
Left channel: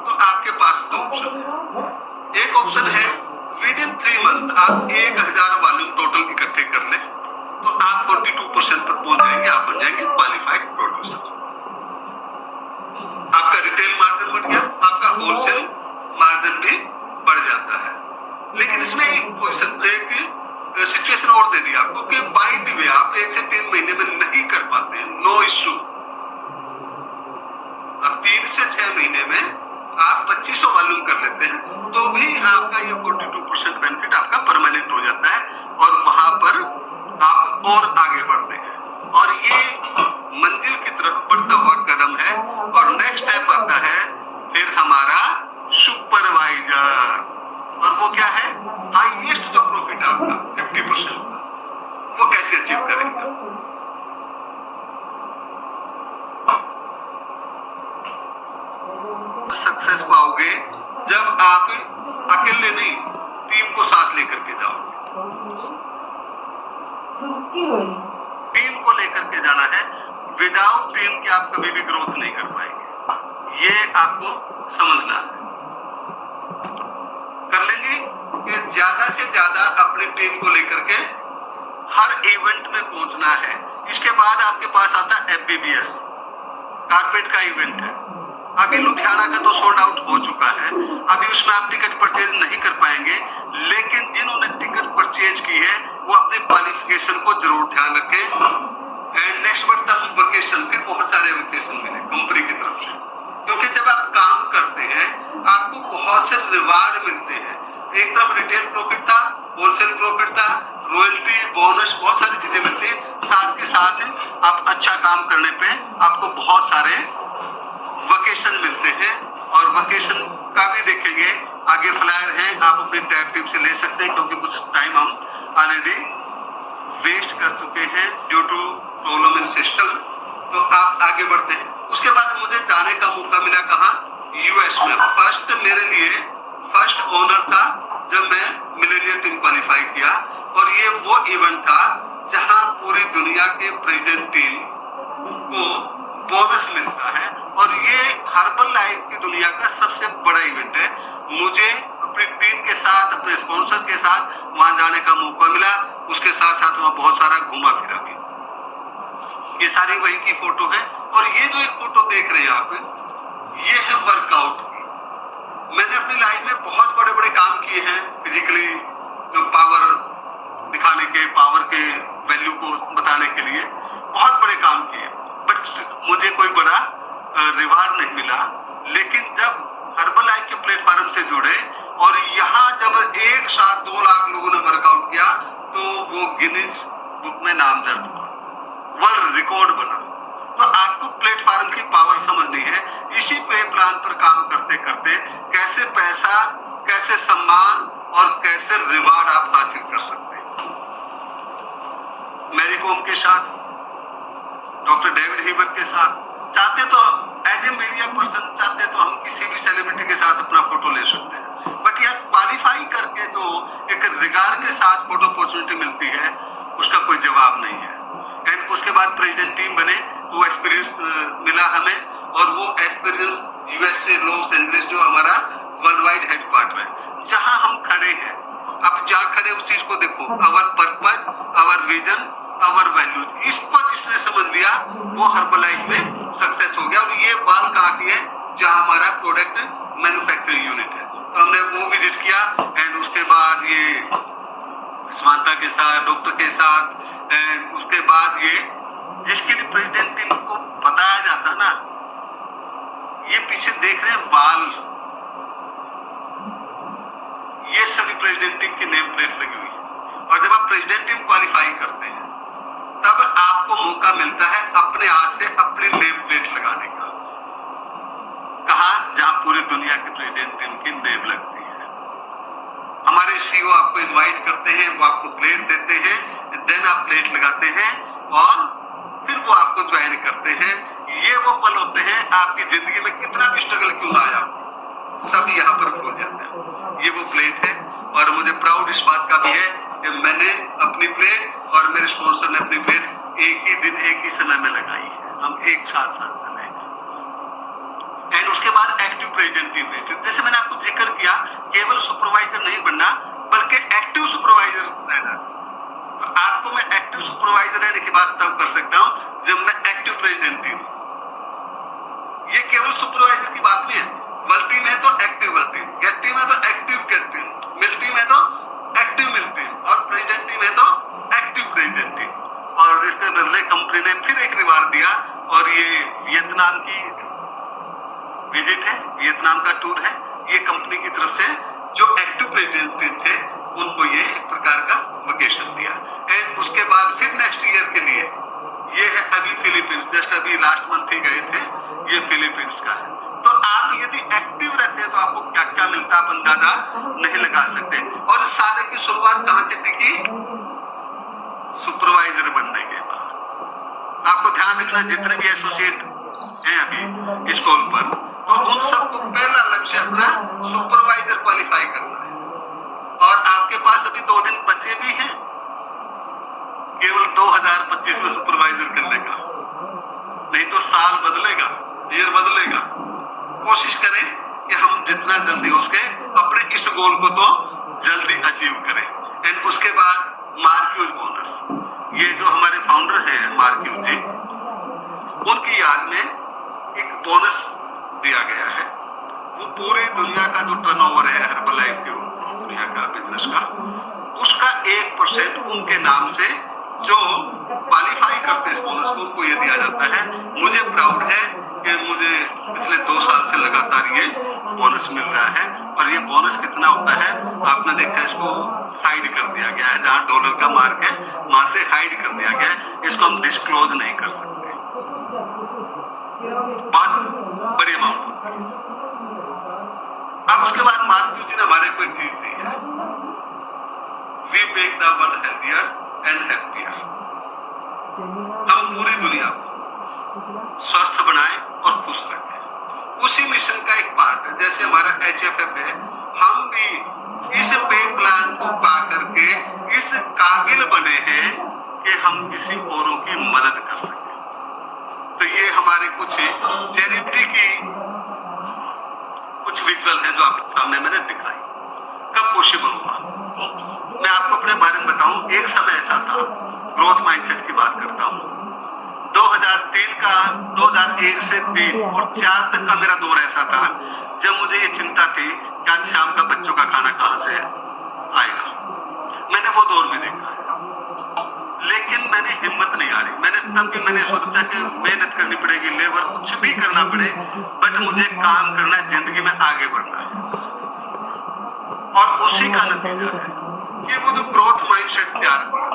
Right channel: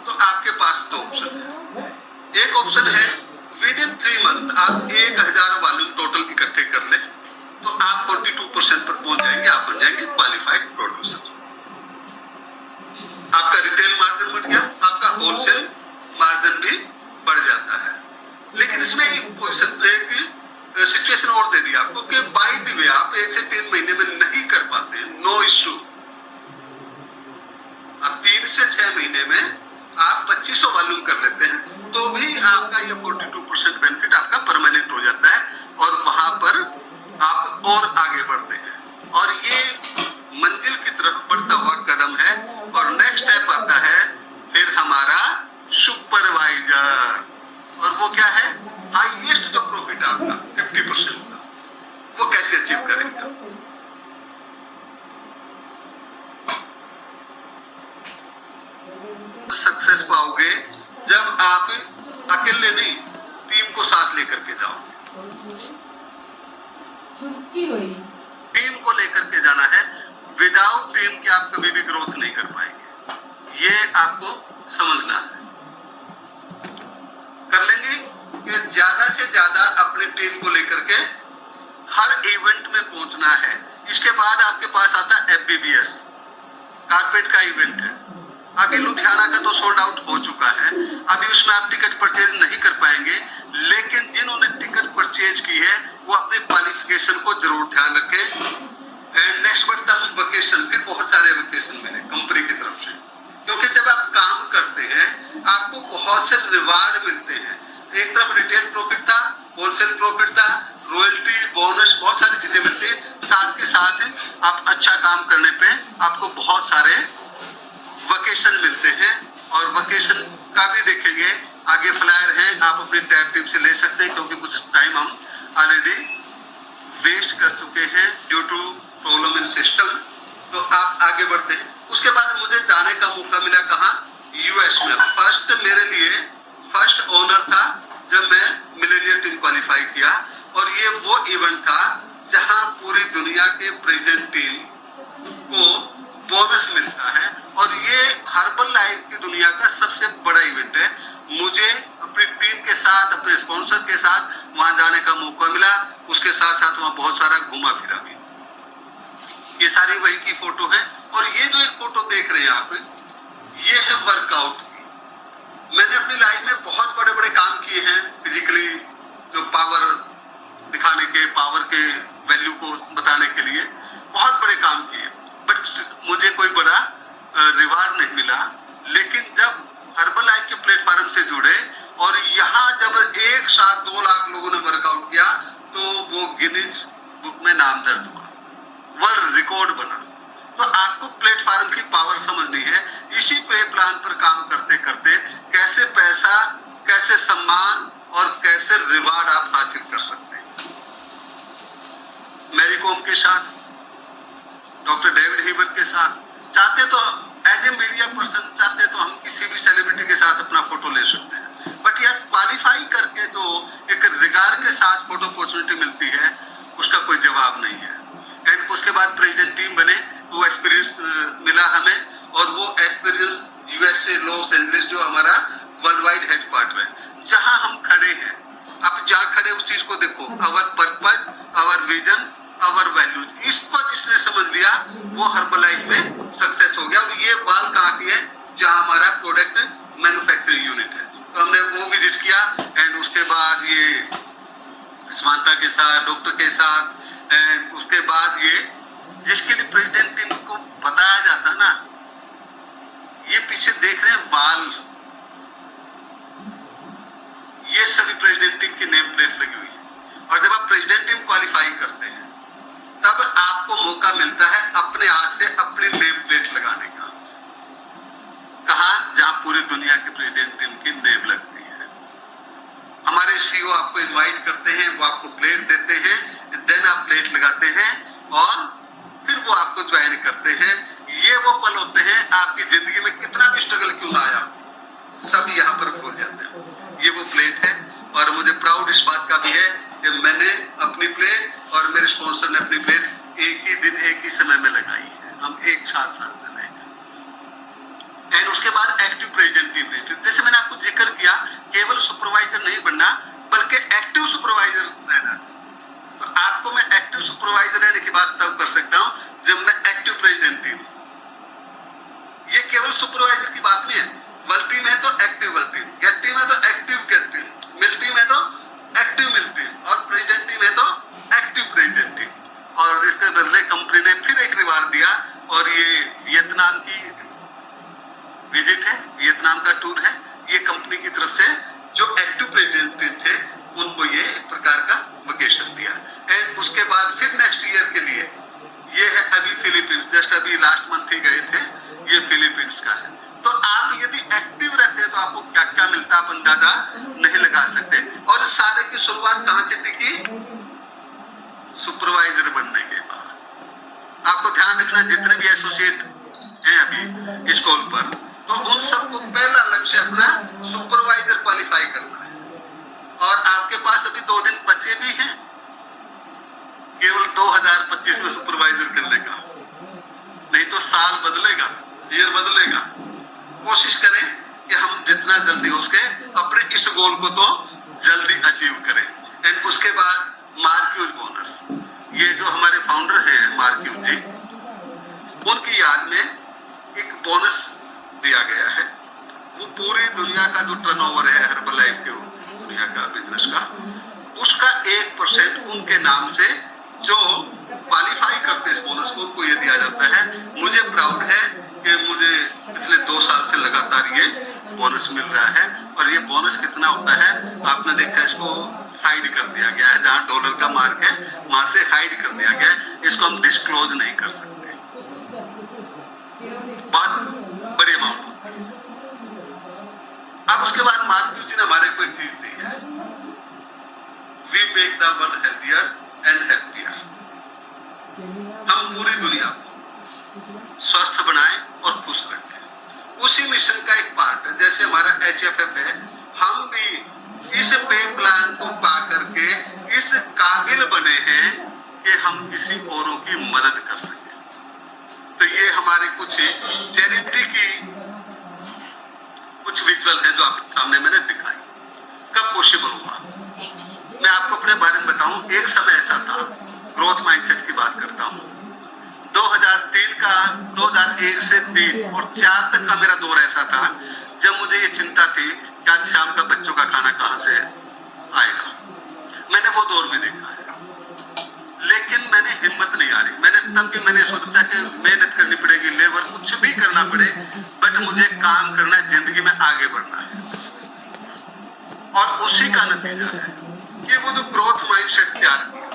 तो आपके पास दो ऑप्शन है। एक ऑप्शन है विद इन 3 मंथ आप 1000 वॉल्यूम टोटल इकट्ठे कर ले तो आप 42% पर पहुंच जाएंगे, आप बन जाएंगे क्वालिफाइड प्रोड्यूसर। आपका रिटेल मार्जिन बढ़ गया, आपका होलसेल मार्जिन भी बढ़ जाता है। लेकिन इसमें एक सिचुएशन और दे दी आपको कि बाय द वे आप 1 से 3 महीने में नहीं कर पाते हैं, नो इश्यू। अब 3 से 6 महीने में आप 2500 वॉल्यूम कर लेते हैं तो भी आपका ये 42% बेनिफिट आपका परमानेंट हो जाता है, और वहां पर आप और आगे बढ़ते हैं। और ये मंजिल की तरफ बढ़ता हुआ कदम है, और नेक्स्ट स्टेप हाईएस्ट जो प्रॉफिट है आपका 50% का, वो कैसे अचीव करेंगे? सक्सेस पाओगे जब आप अकेले नहीं, टीम को साथ लेकर के जाओगे। टीम को लेकर के जाना है, विदाउट टीम के आप कभी भी ग्रोथ नहीं कर पाएंगे, ये आपको समझना है। कर लेंगे कि ज्यादा से ज्यादा अपनी टीम को लेकर के हर इवेंट में पहुंचना है। इसके बाद आपके पास आता है FBBS, कारपेट का इवेंट है। अभी लुधियाना का तो सोल्ड आउट हो चुका है, अभी उसमें आप टिकट परचेज नहीं कर पाएंगे, लेकिन जिन्होंने टिकट परचेज की है वो अपने क्वालिफिकेशन को जरूर ध्यान रखें। एंड नेक्स्ट बढ़ता है वेकेशन, फिर बहुत सारे वेकेशन मिले कंपनी की तरफ से, क्योंकि जब आप काम करते हैं आपको बहुत से रिवार्ड मिलते हैं। एक तरफ रिटेल प्रॉफिट था, होलसेल प्रॉफिट था, रॉयल्टी, बोनस, बहुत सारी चीजें मिलती है। साथ के साथ आप अच्छा काम करने पे आपको बहुत सारे वेकेशन मिलते हैं, और वेकेशन का भी देखेंगे, आगे फ्लायर है, आप अपनी टैब टीम से ले सकते हैं, क्योंकि कुछ टाइम हम ऑलरेडी वेस्ट कर चुके हैं due to problem in system. तो आप आगे बढ़ते हैं। उसके बाद मुझे जाने का मौका मिला कहाँ? US में। फर्स्ट मेरे लिए फर्स्ट ऑनर था जब मैं मिलेनियर टीम क्वालिफाई किया, और ये वो इवेंट था जहां पूरी दुनिया के प्रेजेंट टीम को बोनस मिलता है, और ये हर्बल लाइफ की दुनिया का सबसे बड़ा इवेंट है। मुझे अपनी टीम के साथ, अपने स्पॉन्सर के साथ वहां जाने का मौका मिला। उसके साथ साथ वहां बहुत सारा घूमा फिरा भी। ये सारी वही की फोटो है, और ये जो एक फोटो देख रहे हैं आप, ये है वर्कआउट की। मैंने अपनी लाइफ में बहुत बड़े बड़े काम किए हैं, फिजिकली जो पावर दिखाने के, पावर के वैल्यू को बताने के लिए बहुत बड़े काम किए, बट मुझे कोई बड़ा रिवार्ड नहीं मिला। लेकिन जब हर्बल लाइफ के प्लेटफॉर्म से जुड़े और यहाँ जब एक साथ 2 लाख लोगों ने वर्कआउट किया, तो वो गिनीज बुक में नाम दर्ज हुआ, वर्ल्ड रिकॉर्ड बना। तो आपको प्लेटफॉर्म की पावर समझनी है। इसी पे प्लान पर काम करते करते कैसे पैसा, कैसे सम्मान और कैसे रिवार्ड आप हासिल कर सकते हैं। मैरी कॉम के साथ, डॉक्टर डेविड हीबर के साथ, चाहते तो एज ए मीडिया पर्सन, चाहते तो हम किसी भी सेलिब्रिटी के साथ अपना फोटो ले सकते हैं, बट यह क्वालिफाई करके तो एक रिगार्ड के साथ फोटो अपॉर्चुनिटी मिलती है, उसका कोई जवाब नहीं है। एंड उसके बाद प्रेसिडेंट टीम बने, वो एक्सपीरियंस मिला हमें, और वो एक्सपीरियंस USA लॉस एंजलिस जो हमारा वर्ल्ड वाइड हेडक्वार्टर है, जहां हम खड़े हैं। आप जहां खड़े उस चीज को देखो, अवर पर्पज, अवर विजन, अवर वैल्यूज, इसको जिसने समझ लिया वो हर्बल लाइफ में सक्सेस हो गया। और ये बाल कहाँ की है? जहां हमारा प्रोडक्ट मैन्युफैक्चरिंग यूनिट है। तो हमने वो विजिट किया, एंड उसके बाद ये समानता के साथ, डॉक्टर के साथ, एंड उसके बाद ये जिसके लिए प्रेसिडेंट टीम को बताया जाता ना, ये पीछे देख रहे हैं बाल, ये सभी प्रेसिडेंट टीम की नेम प्लेट लगी हुई है। और जब आप प्रेसिडेंट टीम क्वालिफाई करते हैं तब आपको मौका मिलता है अपने हाथ से अपनी नेम प्लेट लगाने का। कहा? जहां पूरी दुनिया के प्रेसिडेंट टीम की नेम लगती है। हमारे CEO आपको इनवाइट करते हैं, वो आपको प्लेट देते हैं, देन आप प्लेट लगाते हैं और फिर वो आपको ज्वाइन करते हैं। ये वो पल होते हैं आपकी जिंदगी में कितना भी स्ट्रगल क्यों ना आया, सब यहाँ पर भूल जाते हैं। ये वो प्लेट है, और मुझे प्राउड इस बात का भी है कि मैंने अपनी प्लेट और मेरे स्पॉन्सर ने अपनी प्लेट एक ही दिन, एक ही समय में लगाई है। हम एक साथ चले। एंड उसके बाद एक्टिव प्रेसिडेंट टीम है। जैसे मैंने आपको जिक्र किया, केवल सुपरवाइजर नहीं बनना, बल्कि एक्टिव सुपरवाइजर रहना। तो आपको मैं एक्टिव सुपरवाइजर रहने की बात तब कर सकता हूं जब मैं एक्टिव प्रेसिडेंट टीम। ये केवल सुपरवाइजर की बात नहीं है। वर्ल्ड टीम है तो active world team, get team है तो active get team, mill team है तो एक्टिव मिल टीम, और प्रेसिडेंट टीम है तो एक्टिव प्रेसिडेंट टीम। और इसके बदले कंपनी ने फिर एक रिवार्ड दिया, और ये वियतनाम की विजिट है, वियतनाम का टूर है। ये कंपनी की तरफ से जो एक्टिव प्रेसिडेंट थे उनको ये एक प्रकार का वेकेशन दिया। एंड उसके बाद फिर नेक्स्ट ईयर के लिए ये है अभी फिलीपींस, जस्ट अभी लास्ट मंथ ही गए थे, ये फिलीपींस का है। तो आप यदि एक्टिव रहते हैं तो आपको क्या क्या मिलता है आप अंदाजा नहीं लगा सकते। और सारे की शुरुआत कहां से टिकी? सुपरवाइजर बनने के बाद। आपको ध्यान रखना, जितने भी एसोसिएट हैं अभी स्कूल पर, तो उन सबको पहला लक्ष्य अपना सुपरवाइजर क्वालिफाई करना है। और आपके पास अभी 2 दिन बचे भी हैं केवल 2025 में सुपरवाइजर करने का, नहीं तो साल बदलेगा, ईयर बदलेगा। कोशिश करें कि हम जितना जल्दी हो सके अपने इस गोल को तो जल्दी अचीव करें। एंड उसके बाद मार्क्यूज बोनस, ये जो हमारे फाउंडर हैं मार्क्यूज जी, उनकी याद में एक बोनस दिया गया है। वो पूरी दुनिया का जो टर्नओवर है हर्बलाइफ के दुनिया का बिजनेस का, उसका 1% उनके नाम से जो क्वालिफाई करते इस बोनस को, उनको ये दिया जाता है। मुझे प्राउड है कि मुझे पिछले 2 साल से लगातार ये बोनस मिल रहा है। और ये बोनस कितना होता है आपने देखा, इसको हाइड कर दिया गया है, जहां डॉलर का मार्क है वहां से हाइड कर दिया गया है। इसको हम डिस्क्लोज नहीं कर सकते, बहुत बड़ी अमाउंट। अब उसके बाद मार्क्यूज जी ने हमारे को एक चीज दी है, we make the world healthier and happier. हम पूरी दुनिया को स्वस्थ बनाएं और खुश रखें। उसी मिशन का एक पार्ट है, जैसे हमारा HFF है, हम भी इस पे प्लान को पा करके इस काबिल बने हैं कि हम किसी औरों की मदद कर सकें। तो ये हमारे कुछ चैरिटी की कुछ विजुअल है जो आपके सामने मैंने दिखाई। कब पॉसिबल हुआ, मैं आपको अपने बारे में बताऊं। एक समय ऐसा था, ग्रोथ माइंडसेट की बात करता हूं, 2001 से 3 और 4 तक का मेरा दौर ऐसा था जब मुझे ये चिंता थी कि आज शाम का बच्चों का खाना कहां से आएगा। मैंने वो दौर भी देखा है, लेकिन मैंने हिम्मत नहीं हारी। मैंने सोचा कि मेहनत करनी पड़ेगी, लेबर कुछ भी करना पड़े, बट मुझे काम करना है, जिंदगी में आगे बढ़ना है। और उसी का नतीजा है कि वो जो ग्रोथ माइंडसेट तैयार किया,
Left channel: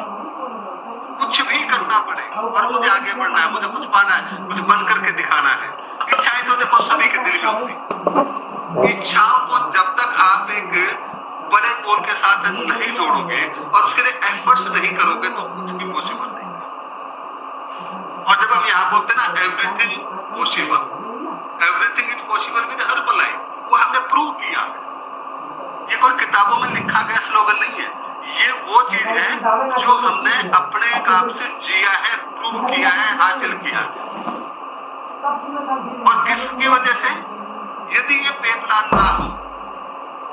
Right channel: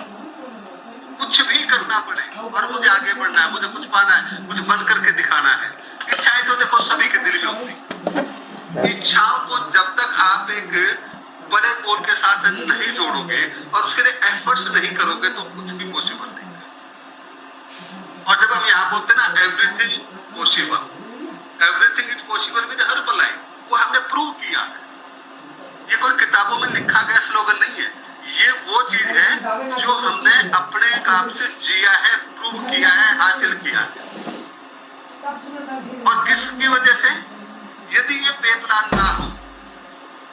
कुछ भी करना पड़े और मुझे आगे बढ़ना है, मुझे कुछ पाना है, कुछ बन करके दिखाना है। इच्छाएं तो देखो सभी के दिल में होती, इच्छाओं को जब तक आप एक बड़े गोल के साथ नहीं जोड़ोगे और उसके लिए एफर्ट्स नहीं करोगे तो कुछ भी पॉसिबल नहीं है। और जब हम यहाँ बोलते हैं ना everything possible, everything is possible with Herbalife, वो हमने प्रूव किया है। ये कोई किताबों में लिखा गया स्लोगन नहीं है, ये वो चीज है जो हमने अपने काम से जिया है, प्रूव किया है, हासिल किया है। और किसकी वजह से? यदि ये पे प्लान ना हो,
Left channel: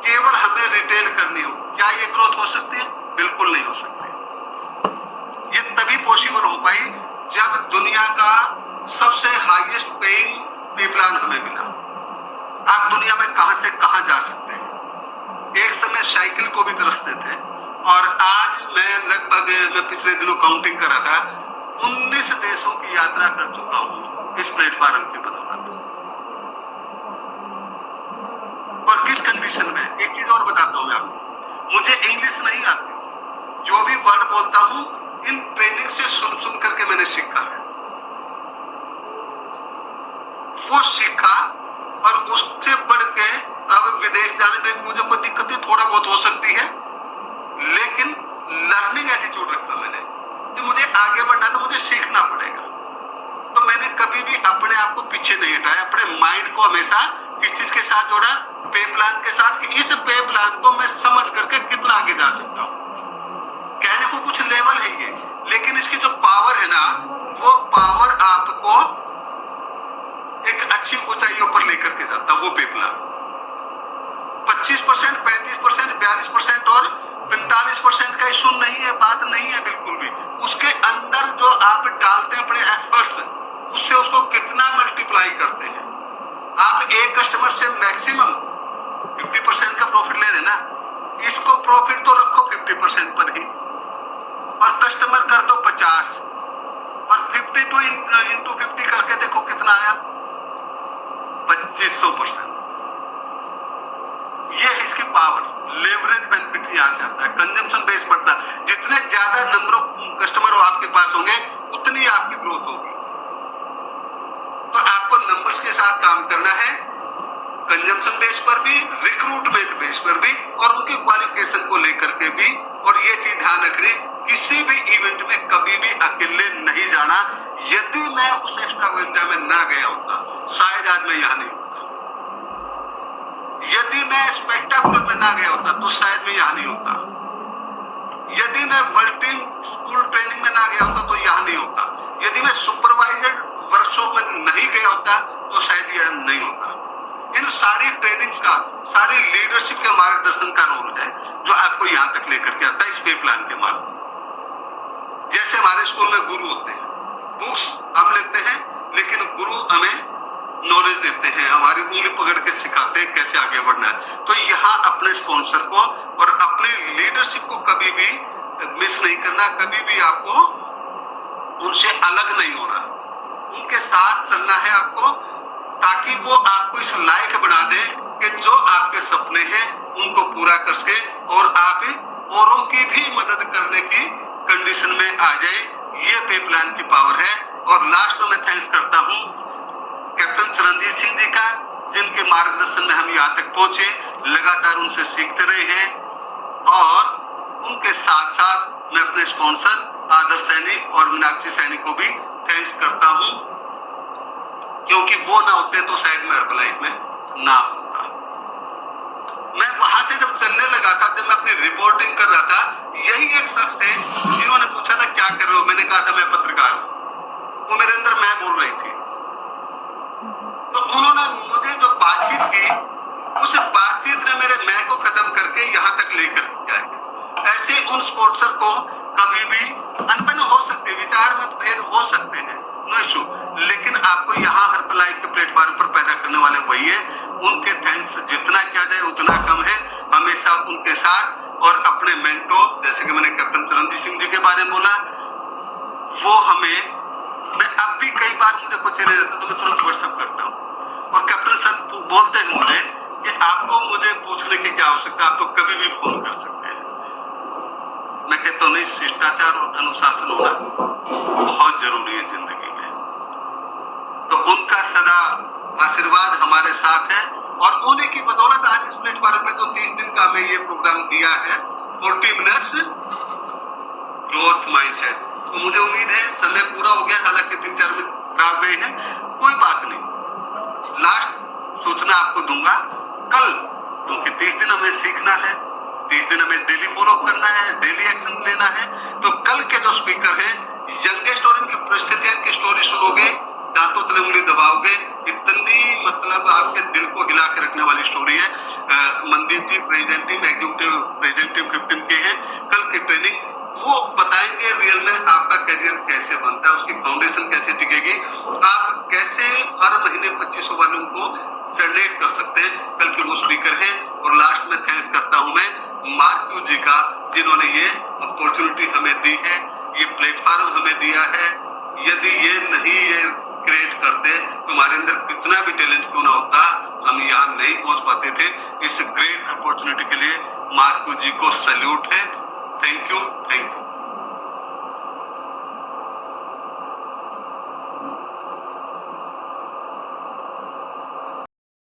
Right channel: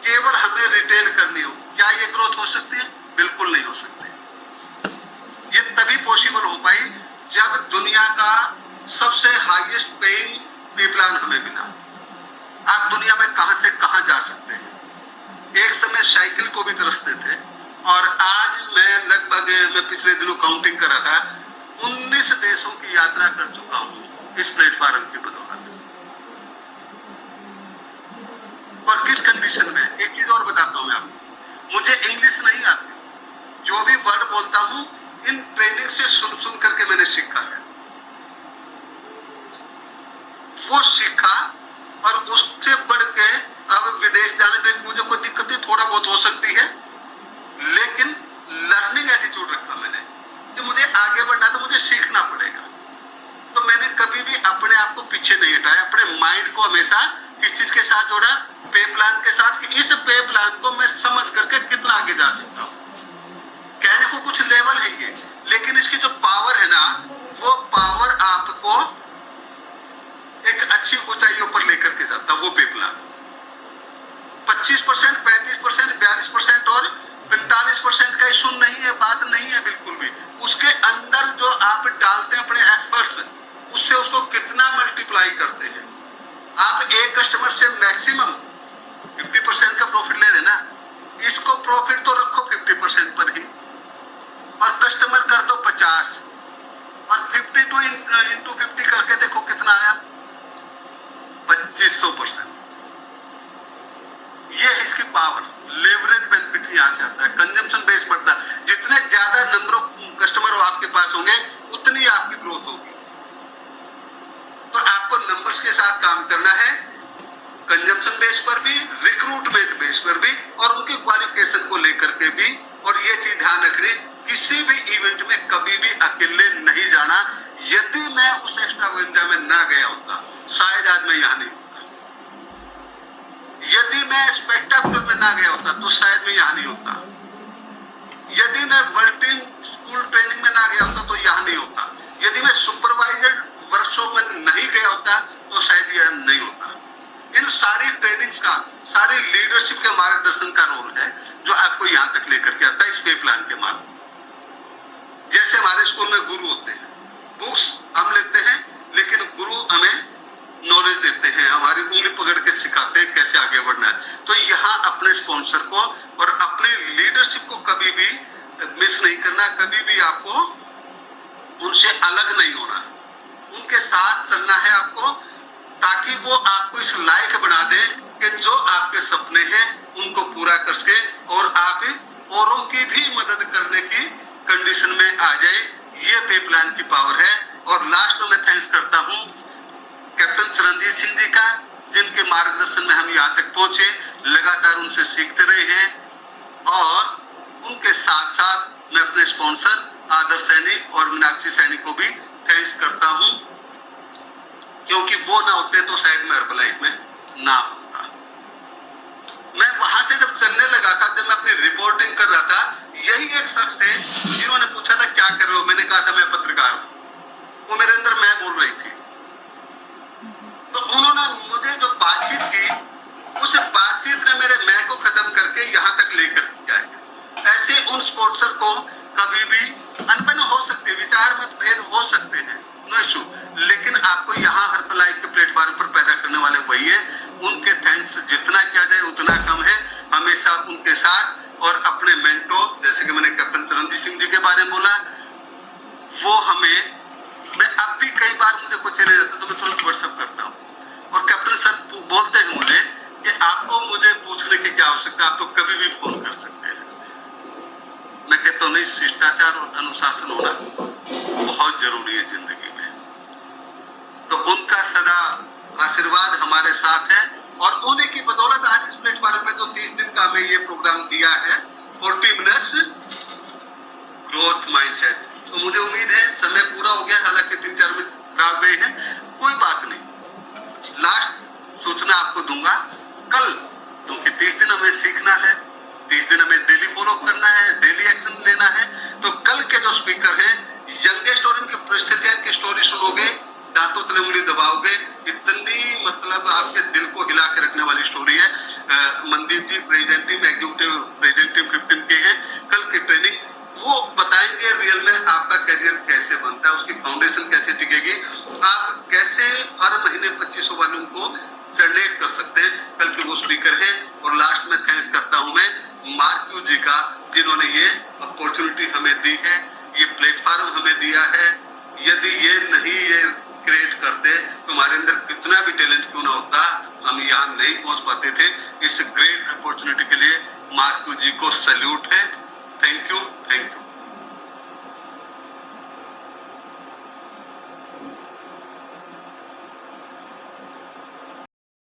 केवल हमें रिटेल करनी हो, क्या ये ग्रोथ हो सकती है? बिल्कुल नहीं हो सकती। ये तभी पॉसिबल हो पाई जब दुनिया का सबसे हाईएस्ट पेइंग पे प्लान हमें मिला। आप दुनिया में कहां से कहां जा सकते हैं। एक समय साइकिल को भी तरसते थे और आज मैं पिछले दिनों काउंटिंग कर रहा था, 19 देशों की यात्रा कर चुका हूं इस प्लेटफॉर्म की बदौलत। और किस कंडीशन में? एक चीज और बताता हूं मैं आपको, मुझे इंग्लिश नहीं आती, जो भी वर्ड बोलता हूं इन ट्रेनिंग से सुन करके मैंने सीखा है। वो सीखा और उससे बढ़ के अब विदेश जाने में मुझे कोई दिक्कत नहीं, थोड़ा बहुत हो सकती है, लेकिन लर्निंग एटीट्यूड रखा मैंने कि मुझे आगे बढ़ना तो मुझे सीखना पड़ेगा। तो मैंने कभी भी अपने आप को पीछे नहीं हटाया, अपने माइंड को हमेशा किस चीज के साथ जोड़ा? पे प्लान के साथ, कि इस पे प्लान को मैं समझ करके कितना आगे जा सकता हूं। कहने को कुछ लेवल है ये, लेकिन इसकी जो पावर है ना, वो पावर आपको एक अच्छी ऊंचाइयों पर लेकर के जाता, वो पे प्लान 25%, 35%, 42% और 45% का इशू नहीं है, बात नहीं है बिल्कुल भी। उसके अंदर जो आप डालते हैं अपने एफर्ट्स, उससे उसको कितना मल्टीप्लाई करते हैं। आप एक कस्टमर से मैक्सिमम 50% का प्रॉफिट ले रहे ना, इसको प्रॉफिट तो रखो 50% पर ही, और कस्टमर कर दो 50, और 52 इंटू 50 करके देखो कितना आया, 2500%। ये है इसकी पावर। लेवरेज बेनिफिट यहां से आता है, कंजम्पशन बेस बढ़ता है। जितने ज्यादा नंबर ऑफ कस्टमर आपके पास होंगे उतनी आपकी ग्रोथ होगी। तो आपको नंबर्स के साथ काम करना है, कंजम्पशन बेस पर भी, रिक्रूटमेंट बेस पर भी और उनके क्वालिफिकेशन को लेकर के भी। और ये चीज ध्यान रखनी, किसी भी इवेंट में कभी भी अकेले नहीं जाना। यदि मैं उस एक्स्ट्रावेगेंजा में ना गया होता, शायद आज मैं यहाँ नहीं होता। यदि मैं स्पेक्टाकुलर में ना गया होता तो शायद मैं यहाँ नहीं होता। यदि मैं वर्ल्ड टीम स्कूल ट्रेनिंग में ना गया होता तो यहाँ नहीं होता। यदि मैं सुपरवाइजर वर्कशॉप में नहीं गया होता तो शायद यह नहीं होता। इन सारी ट्रेनिंग्स का, सारी लीडरशिप के मार्गदर्शन का रोल है जो आपको यहाँ तक लेकर के आता है इस पे प्लान के माध्यम। जैसे हमारे स्कूल में गुरु होते हैं, बुक्स हम लेते हैं लेकिन गुरु हमें नॉलेज देते हैं, हमारी उंगली पकड़ के सिखाते हैं कैसे आगे बढ़ना है। तो यहाँ अपने स्पॉन्सर को और अपनी लीडरशिप को कभी भी मिस नहीं करना, कभी भी आपको उनसे अलग नहीं होना, उनके साथ चलना है आपको, ताकि वो आपको इस लायक बना दे कि जो आपके सपने हैं उनको पूरा कर सके और आप औरों की भी मदद करने की कंडीशन में आ जाए। ये पे प्लान की पावर है। और लास्ट में मैं थैंक्स करता हूँ कैप्टन चरणजीत सिंह जी का, जिनके मार्गदर्शन में हम यहाँ तक पहुंचे, लगातार उनसे सीखते रहे हैं। और उनके साथ साथ मैं अपने स्पॉन्सर आदर्श सैनी और मीनाक्षी सैनी को भी थैंक्स करता हूँ, क्योंकि वो ना होते तो शायद मैं हर्बलाइफ में ना होता। मैं वहां से जब चलने लगा था, जब मैं अपनी रिपोर्टिंग कर रहा था, यही एक शख्स थे जिन्होंने पूछा था क्या कर रहे हो। मैंने कहा था मैं पत्रकार हूं। वो मेरे अंदर मैं बोल रही थी। तो उन्होंने मुझे जो बातचीत की, उस बातचीत ने मेरे मैं को खत्म करके यहाँ तक लेकर गया। ऐसे उन स्पोर्ट्सर को कभी भी अनबन हो सकते, विचार मतभेद हो सकते हैं, नो इशू, लेकिन आपको यहाँ हर्बलाइफ के प्लेटफॉर्म पर पैदा करने वाले वही है। उनके थैंक्स जितना किया जाए उतना कम है। हमेशा उनके साथ और अपने मेंटोर, जैसे कि मैंने कैप्टन चरणजीत सिंह जी के बारे में बोला, वो हमें, मैं अब भी कई बार मुझे कुछ चले जाता तो मैं तुरंत व्हाट्सएप करता हूँ और कैप्टन सर बोलते हैं मुझे कि आपको मुझे पूछने की क्या आवश्यकता, आप तो कभी भी फोन कर सकते हैं। मैं कहता हूँ नहीं, शिष्टाचार और अनुशासन होना बहुत जरूरी है जिंदगी में। तो उनका सदा आशीर्वाद हमारे साथ है और उन्हीं की बदौलत आज इस प्लेटफॉर्म पे जो 30 दिन का हमें ये प्रोग्राम दिया है 40 मिनट्स ग्रोथ माइंडसेट, तो मुझे उम्मीद है समय पूरा हो गया, हालांकि 3-4 मिनट खराब गए हैं, कोई बात नहीं। लास्ट सूचना आपको दूंगा कल, क्योंकि 30 दिन हमें सीखना है, 30 दिन हमें डेली फॉलो करना है, डेली एक्शन लेना है। तो कल के जो स्पीकर हैं, यंगेस्ट और इनकी परिस्थितियां, इनकी स्टोरी सुनोगे, दांतों तले उंगली दबाओगे, इतनी मतलब आपके दिल को हिला के रखने वाली स्टोरी है। Mandeep ji present team, executive present team 15 के हैं। कल की ट्रेनिंग वो बताएंगे रियल में आपका करियर कैसे बनता है, उसकी फाउंडेशन कैसे टिकेगी, आप कैसे हर महीने 2500 वालों को जनरेट कर सकते हैं। कल के वो स्पीकर हैं। और लास्ट में थैंक्स करता हूं मैं मार्क्यू जी का, जिन्होंने ये अपॉर्चुनिटी हमें दी है, ये प्लेटफॉर्म हमें दिया है। यदि ये नहीं ये क्रिएट करते तो हमारे अंदर कितना भी टैलेंट क्यों ना होता, हम यहाँ नहीं पहुंच पाते थे। इस ग्रेट अपॉर्चुनिटी के लिए मार्क्यू जी को सैल्यूट है। Thank you, thank you.